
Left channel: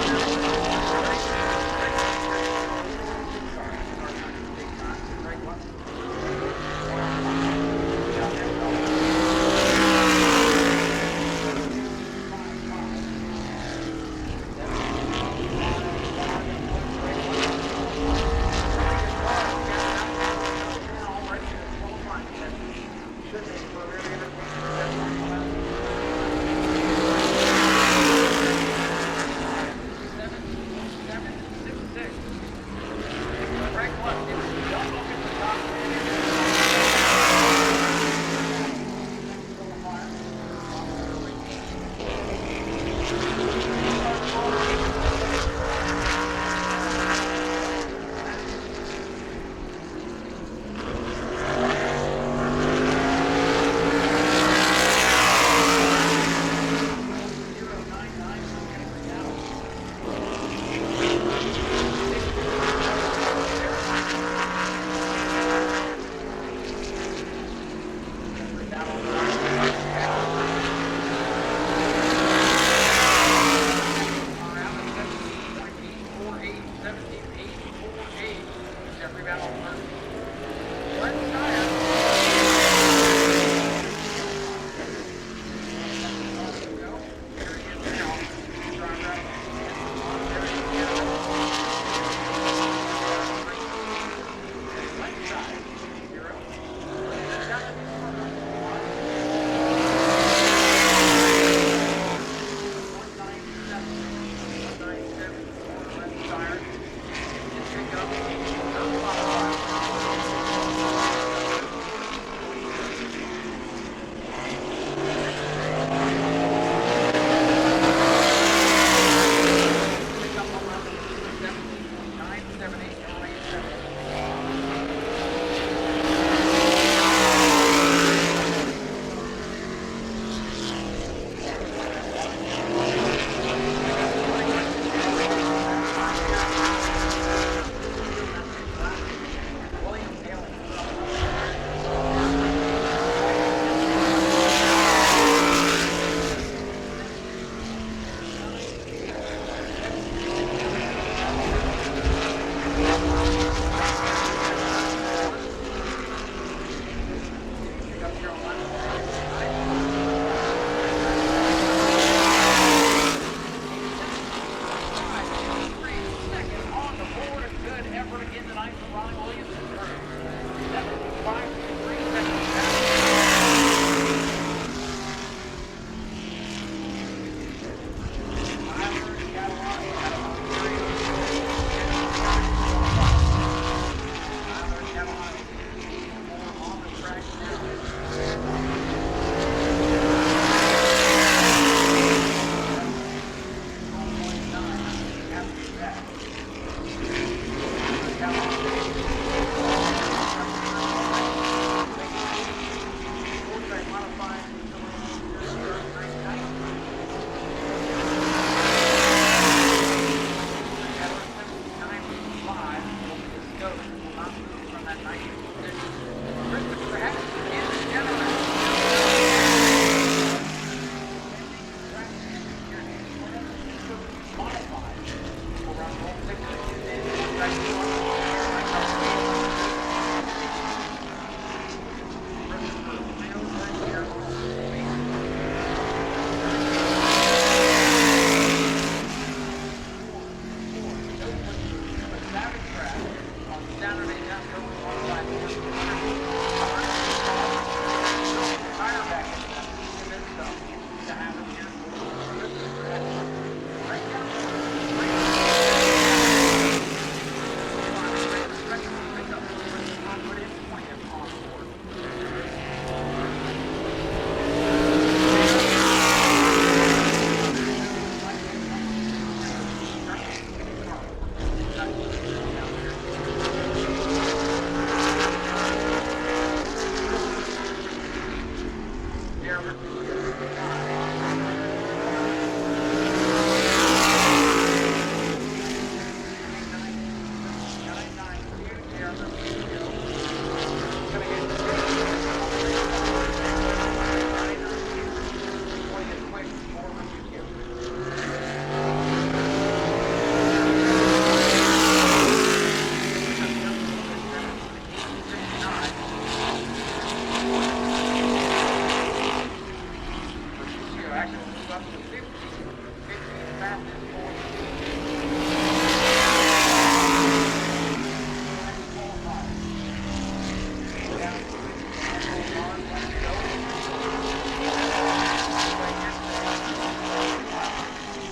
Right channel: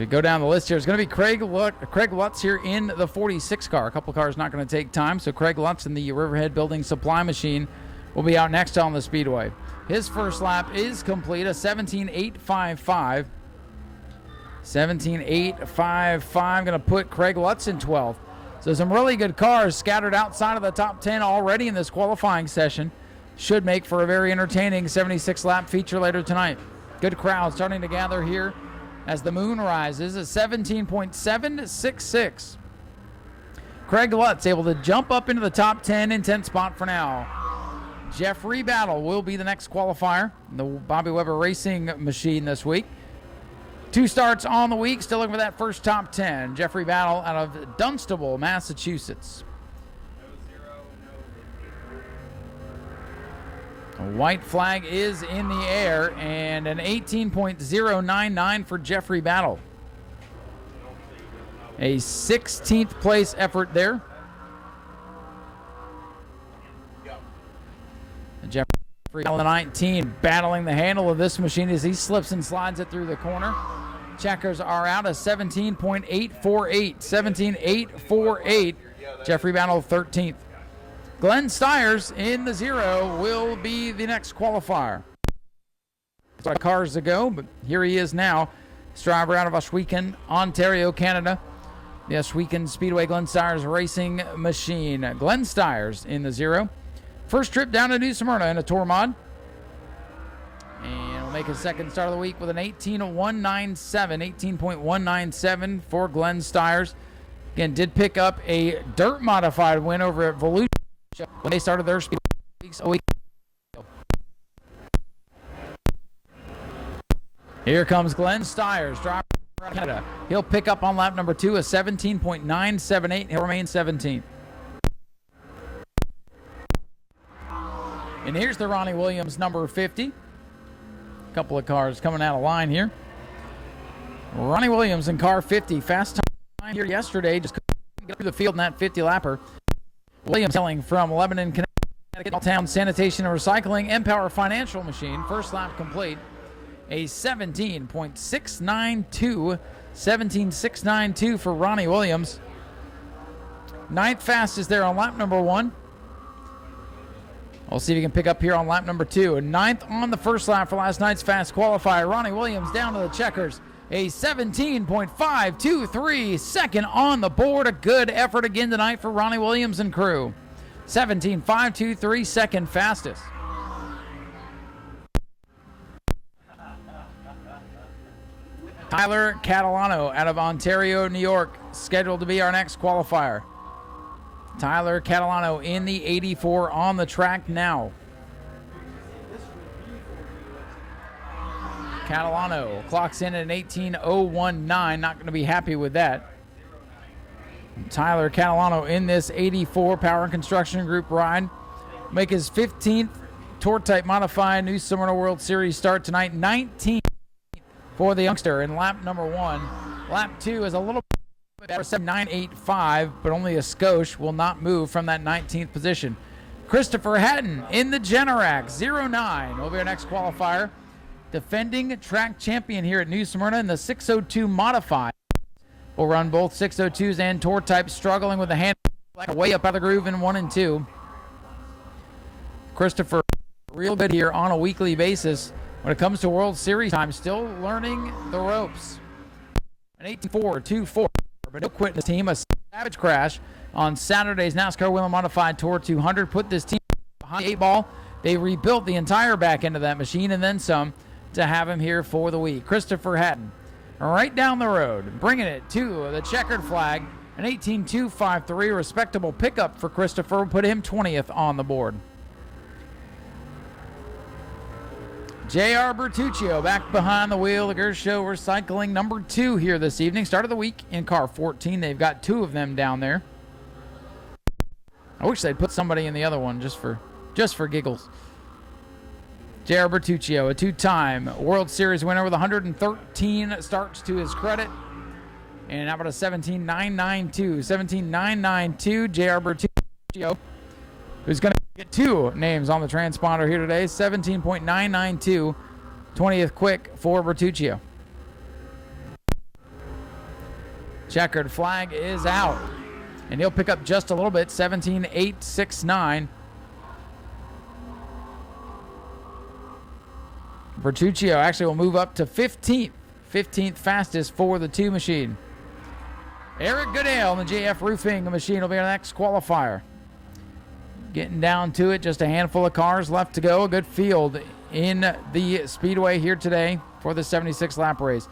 We go down the list here. It's going to be Craig Lutz here in the 46 car. A couple cars not going to take time, so Craig Lutz in the Riverhead Building Supply Machine will be out next on the Speedway. This first lap is complete, a 17.855. 17.855, going to put Craig Lutz in 12th. There's some really good cars scattered outside of the top 10 already in this qualifying session. Should make for a very entertaining 76-lap feature later tonight. Good crowd coming together here as the moon rises at 17.766. Craig Lutz able to jump up into the top 10 in 10th spot now. Jeffrey Battle will be the next qualifier, the Bobby Weber Racing machine this week. 2 starts on the week, still over that first top 10. Jeffrey Battle out of Dunstable, Massachusetts. White flag is in the air, and an 18.099 for Jeffrey Battle. A 16th place effort there. Jeffrey Battle, 19, battling the handle of this machine as he slips and slides through the checkers are out of 17.848. 17.848. Jeffrey Battle 13th. Glenn Stiers in 0 will be the next qualifier. The cars to go, but here he is now. Driver out of Ohsweken, Ontario, Canada. The Ohsweken Speedway Glenn Stiers Racing Machine. Glenn Stiers in the 0. First trip down to New Smyrna in a tour mod. With an 18.197, 18.197 for Glenn Stiers. And did pick up a dirt modified win over at Volute when they started their speed. Here comes Glenn Stiers. He'll pick up on lap number 2 a 17.978. He'll remain 17. And here's the Ronnie Williams number 50. Couple of cars coming out of line here. Ronnie Williams in car 50, fast here yesterday to the field in that 50-lapper. Williams hailing from Lebanon, Town Sanitation and Recycling and Power Financial. A 17.692, 17.692 for Ronnie Williams. 9th fastest there on lap number 1. We'll see if he can pick up here on lap number 2. 9th on the first lap for last night's fast qualifier. Ronnie Williams down those checkers. A 17.523. Second on the board. A good effort again tonight for Ronnie Williams and crew. 17.523, second fastest. Tyler Catalano out of Ontario, New York, scheduled to be our next qualifier. Tyler Catalano in the 84 on the track now. Catalano clocks in at an 18.019. Not going to be happy with that. Tyler Catalano in this 84 Power Construction Group ride. Make his 15th Tour Type Modified New Smyrna World Series start tonight. 19th for the youngster. Lap 2 is a little better, 7.985, but only a skosh will not move from that 19th position. Christopher Haddon in the Generac, 09 qualifier. defending track champion here at New Smyrna in the 602 Modified. Will run both 602s and tour types, struggling with the hand way up out of the groove in 1 and 2. Christopher, real good here on a weekly basis when it comes to World Series time. 8-4, 2-4. No quit the team. A savage crash on Saturday's NASCAR Whelen Modified Tour 200 put this team on a ball. They rebuilt the entire back end of that machine and then some to have him here for the week. Christopher Hatton, right down the road, bringing it to the second flag. An 18.253, respectable pickup for Christopher. Will put him 20th on the board. Back behind the wheel, Gershow Recycling number 2 here this evening. Start of the week in car 14. They've got 2 of them down there. I wish they'd put somebody in the other one just for giggles. J.R. Bertuccio, a 2-time World Series winner with 113 starts to his credit. And how about a 17.992? 17.992, J.R. Bertuccio. Who's going to have 2 names on the transponder here today. 17.992. 20th quick for Bertuccio. Chequered flag out. And he'll pick up just a little bit. 17.869. Bertuccio actually will move up to 15th. 15th fastest for the 2 machine. Eric Goodale, the JF Roofing machine will be our next qualifier. Getting down to it, just a handful of cars left to go. A good field in the Speedway here today for the 76 lap race.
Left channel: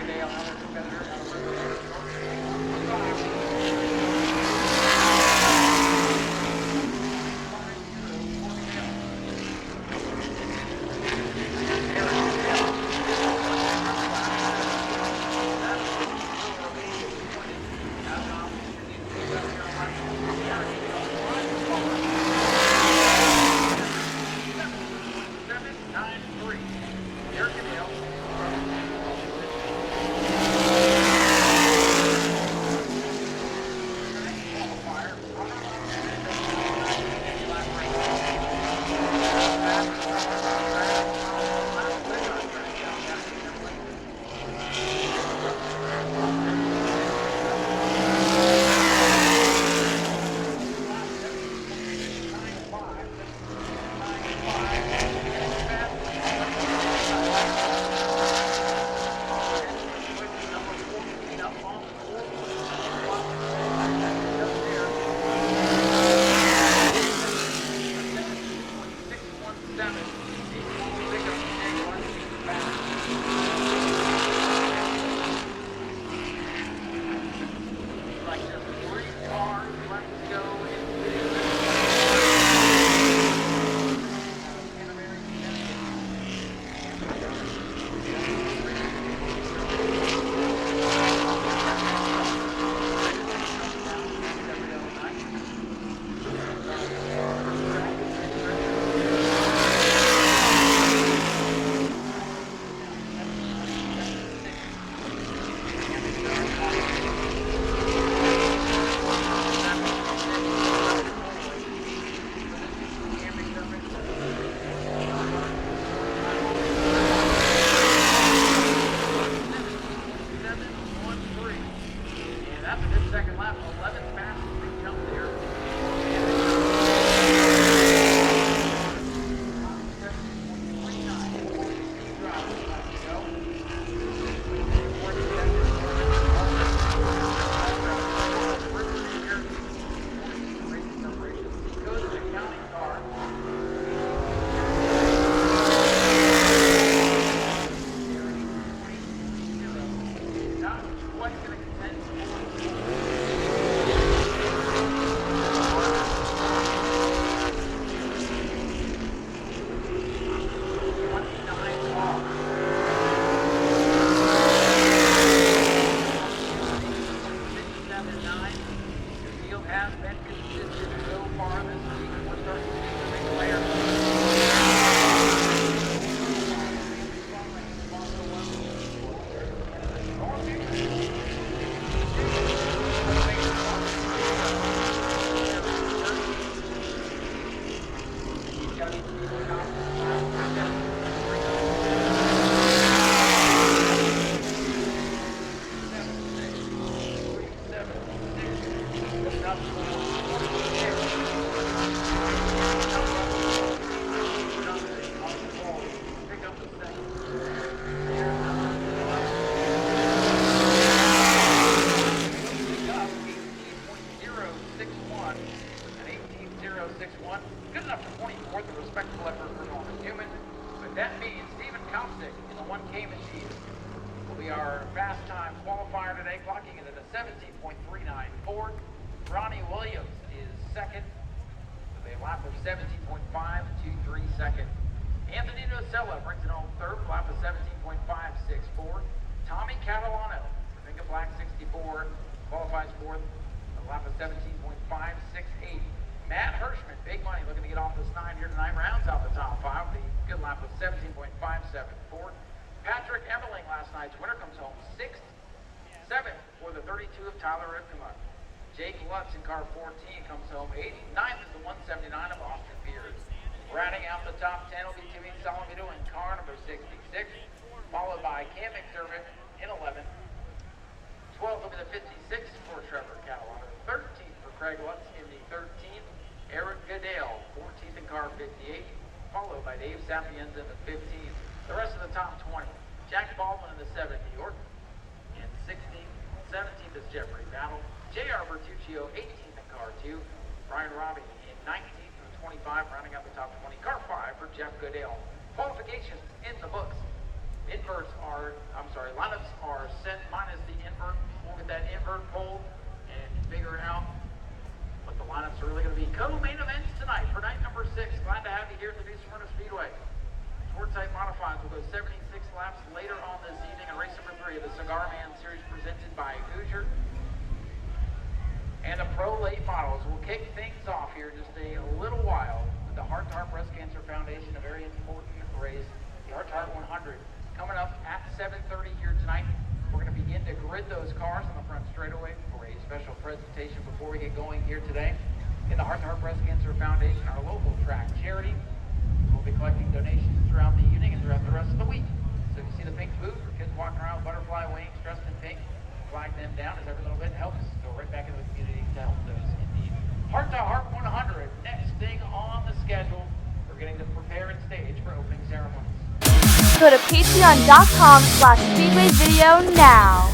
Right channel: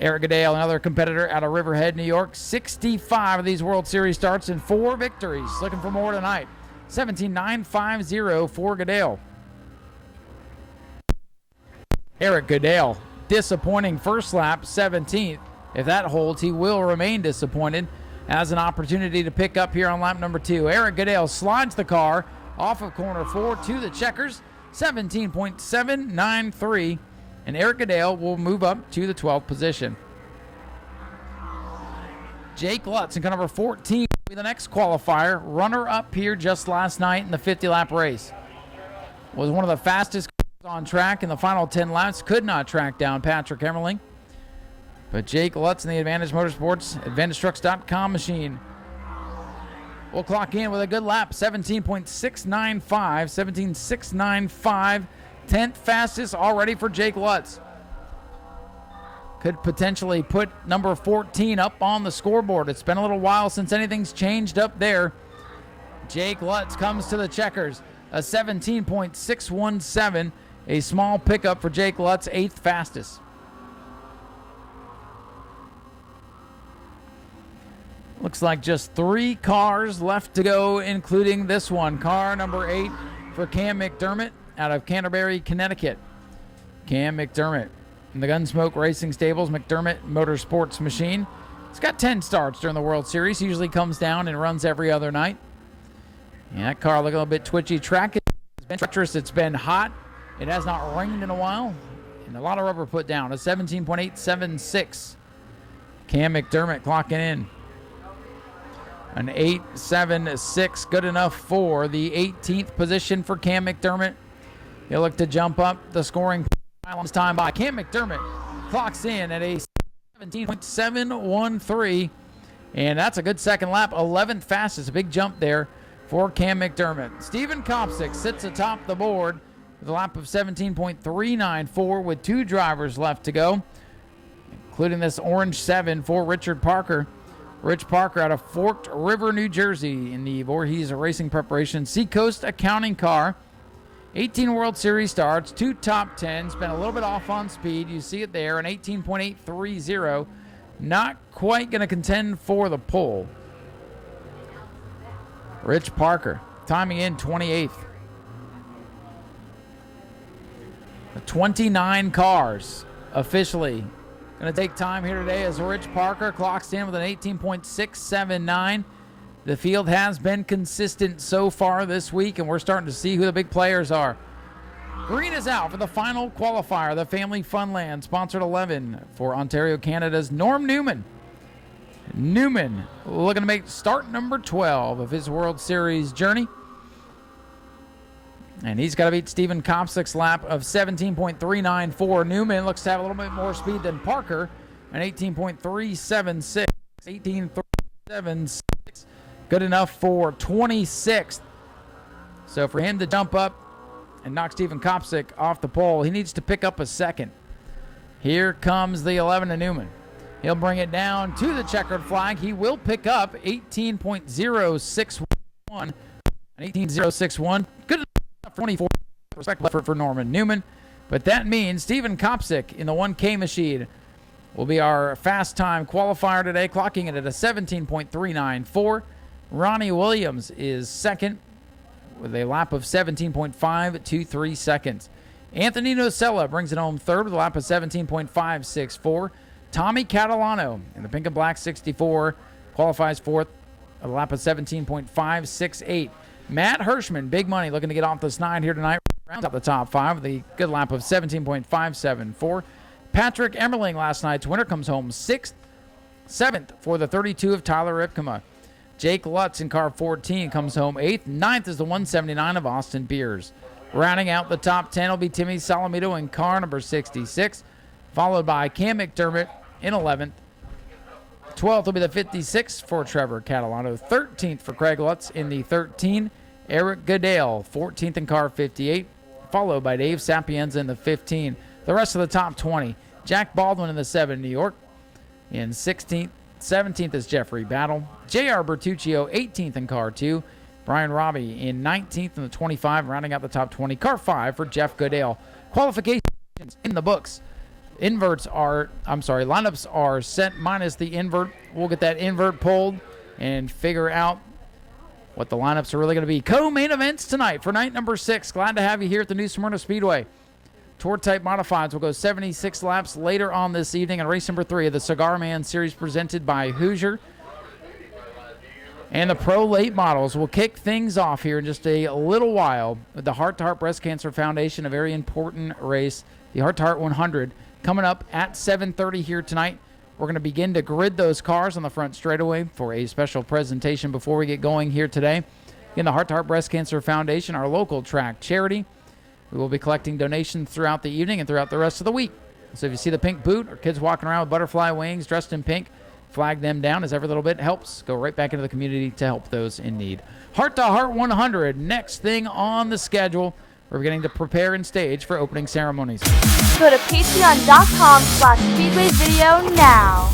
Eric Goodale, another competitor out of Riverhead, New York. 65 of these World Series starts in 4 victories. Looking for more tonight. 17.950 for Goodale. Eric Goodale, disappointing first lap, 17th. If that holds, he will remain disappointed. Has an opportunity to pick up here on lap number 2. Eric Goodale slides the car off the to the checkers, 17.793, and Eric Goodale will move up to the 12th position. Jake Lutz in car number 14, the next qualifier, runner-up here just last night in the 50-lap race. He was one of the fastest on track in the final 10 laps, could not track down Patrick Emmerling. But Jake Lutz in the Advantage Motorsports, AdvantageTrucks.com machine. We'll clock in with a good lap, 17.695, 17.695, 10th fastest already for Jake Lutz. Could potentially put number 14 up on the scoreboard. It's been a little while since anything's changed up there. Jake Lutz comes to the checkers, a 17.617, a small pickup for Jake Lutz, 8th fastest. Looks like just 3 cars left to go, including this one. Car number 8 for Cam McDermott out of Canterbury, Connecticut. Cam McDermott in the Gunsmoke Racing Stables, McDermott Motorsports machine. He's got 10 starts during the World Series. He usually comes down and runs every other night. And that car looking a little bit twitchy. Track it. It's been hot. Hasn't running in a while. A lot of rubber put down. A 17.876. Cam McDermott clocking in. An 8.76, good enough for the 18th position for Cam McDermott. He'll look to jump up the scoring this time by Cam McDermott. Clocks in at a 17.713, and that's a good second lap. 11th fastest, a big jump there for Cam McDermott. Sits at the top of the board. The lap of 17.394 with 2 drivers left to go, including this orange 7 for Richard Parker. Rich Parker out of Forked River, New Jersey in the Voorhees Racing Preparation Seacoast Accounting car. 18 World Series starts, 2 top 10, off on speed. You see it there, an 18.830. Not quite going to contend for the pole. Rich Parker timing in 28th. 29 cars officially. Clocks in with an 18.679. The field has been consistent so far this week, and we're starting to see who the big players are. Leaders out in the final qualifier, the Family Funland sponsored 11 for Ontario, Canada's Norm Newman. Newman looking to make start number 12 of his World Series journey. And he's got to beat Stephen Kopsik's lap of 17.394. Newman looks down at Parker at 18.376. 18.376. Good enough for 26th. So for him to dump up and knock Stephen Kopsik off the pole, he needs to pick up a second. Here comes the 11 to Newman. He'll bring it down to the checkered flag. He will pick up 18.061. 18.061. Good 24 for Norman Newman. But that means Stephen Kopsik in the 1K machine will be our fast time qualifier today, clocking it at a 17.394. Ronnie Williams is second with a lap of 17.523 seconds. Anthony Nocella brings it home third with a lap of 17.564. Tommy Catalano in the pink and black 64 qualifies fourth with a lap of 17.568. Matt Hirschman, big money, looking to get off this 9 here tonight. Up the top 5 with a good lap of 17.574. Patrick Emmerling, last night's winner, comes home 6th. 7th for the 32 of Tyler Ripkema. Jake Lutz in car 14 comes home 8th. 9th is the 179 of Austin Beers. Rounding out the top 10 will be Timmy Salamito in car number 66, followed by Cam McDermott in 11th. 12th will be the 56 for Trevor Catalano. 13th for Craig Lutz in the 13. Eric Goodale, 14th in car 58, followed by Dave Sapienza in the 15. The rest of the top 20. Jack Baldwin in the 7, New York. In 16th, 17th is Jeffrey Battle. J.R. Bertuccio, 18th in car 2. Brian Robbie in 19th in the 25, rounding out the top 20. Car 5 for Jeff Goodale. Qualifications in the books. Lineups are set minus the invert. We'll get that invert pulled and figure out what the lineups are really going to be. Co-main events tonight for night number 6. Glad to have you here at the new Smyrna Speedway. Tour type modifieds will go 76 laps later on this evening in race number 3 of the Cigar Man Series presented by Hoosier. And the pro late models will kick things off here in just a little while with the Heart to Heart Breast Cancer Foundation, a very important race, the Heart to Heart 100, coming up at 7:30 here tonight. We're going to begin to grid those cars on the front straightaway for a special presentation before we get going here today. In the Heart to Heart Breast Cancer Foundation, our local track charity. We will be collecting donations throughout the evening and throughout the rest of the week. So if you see the pink boot or kids walking around with butterfly wings dressed in pink, flag them down, as every little bit helps go right back into the community to help those in need. Heart to Heart 100, next thing on the schedule. We're beginning to prepare and stage for opening ceremonies. Go to patreon.com/speedwayvideo now.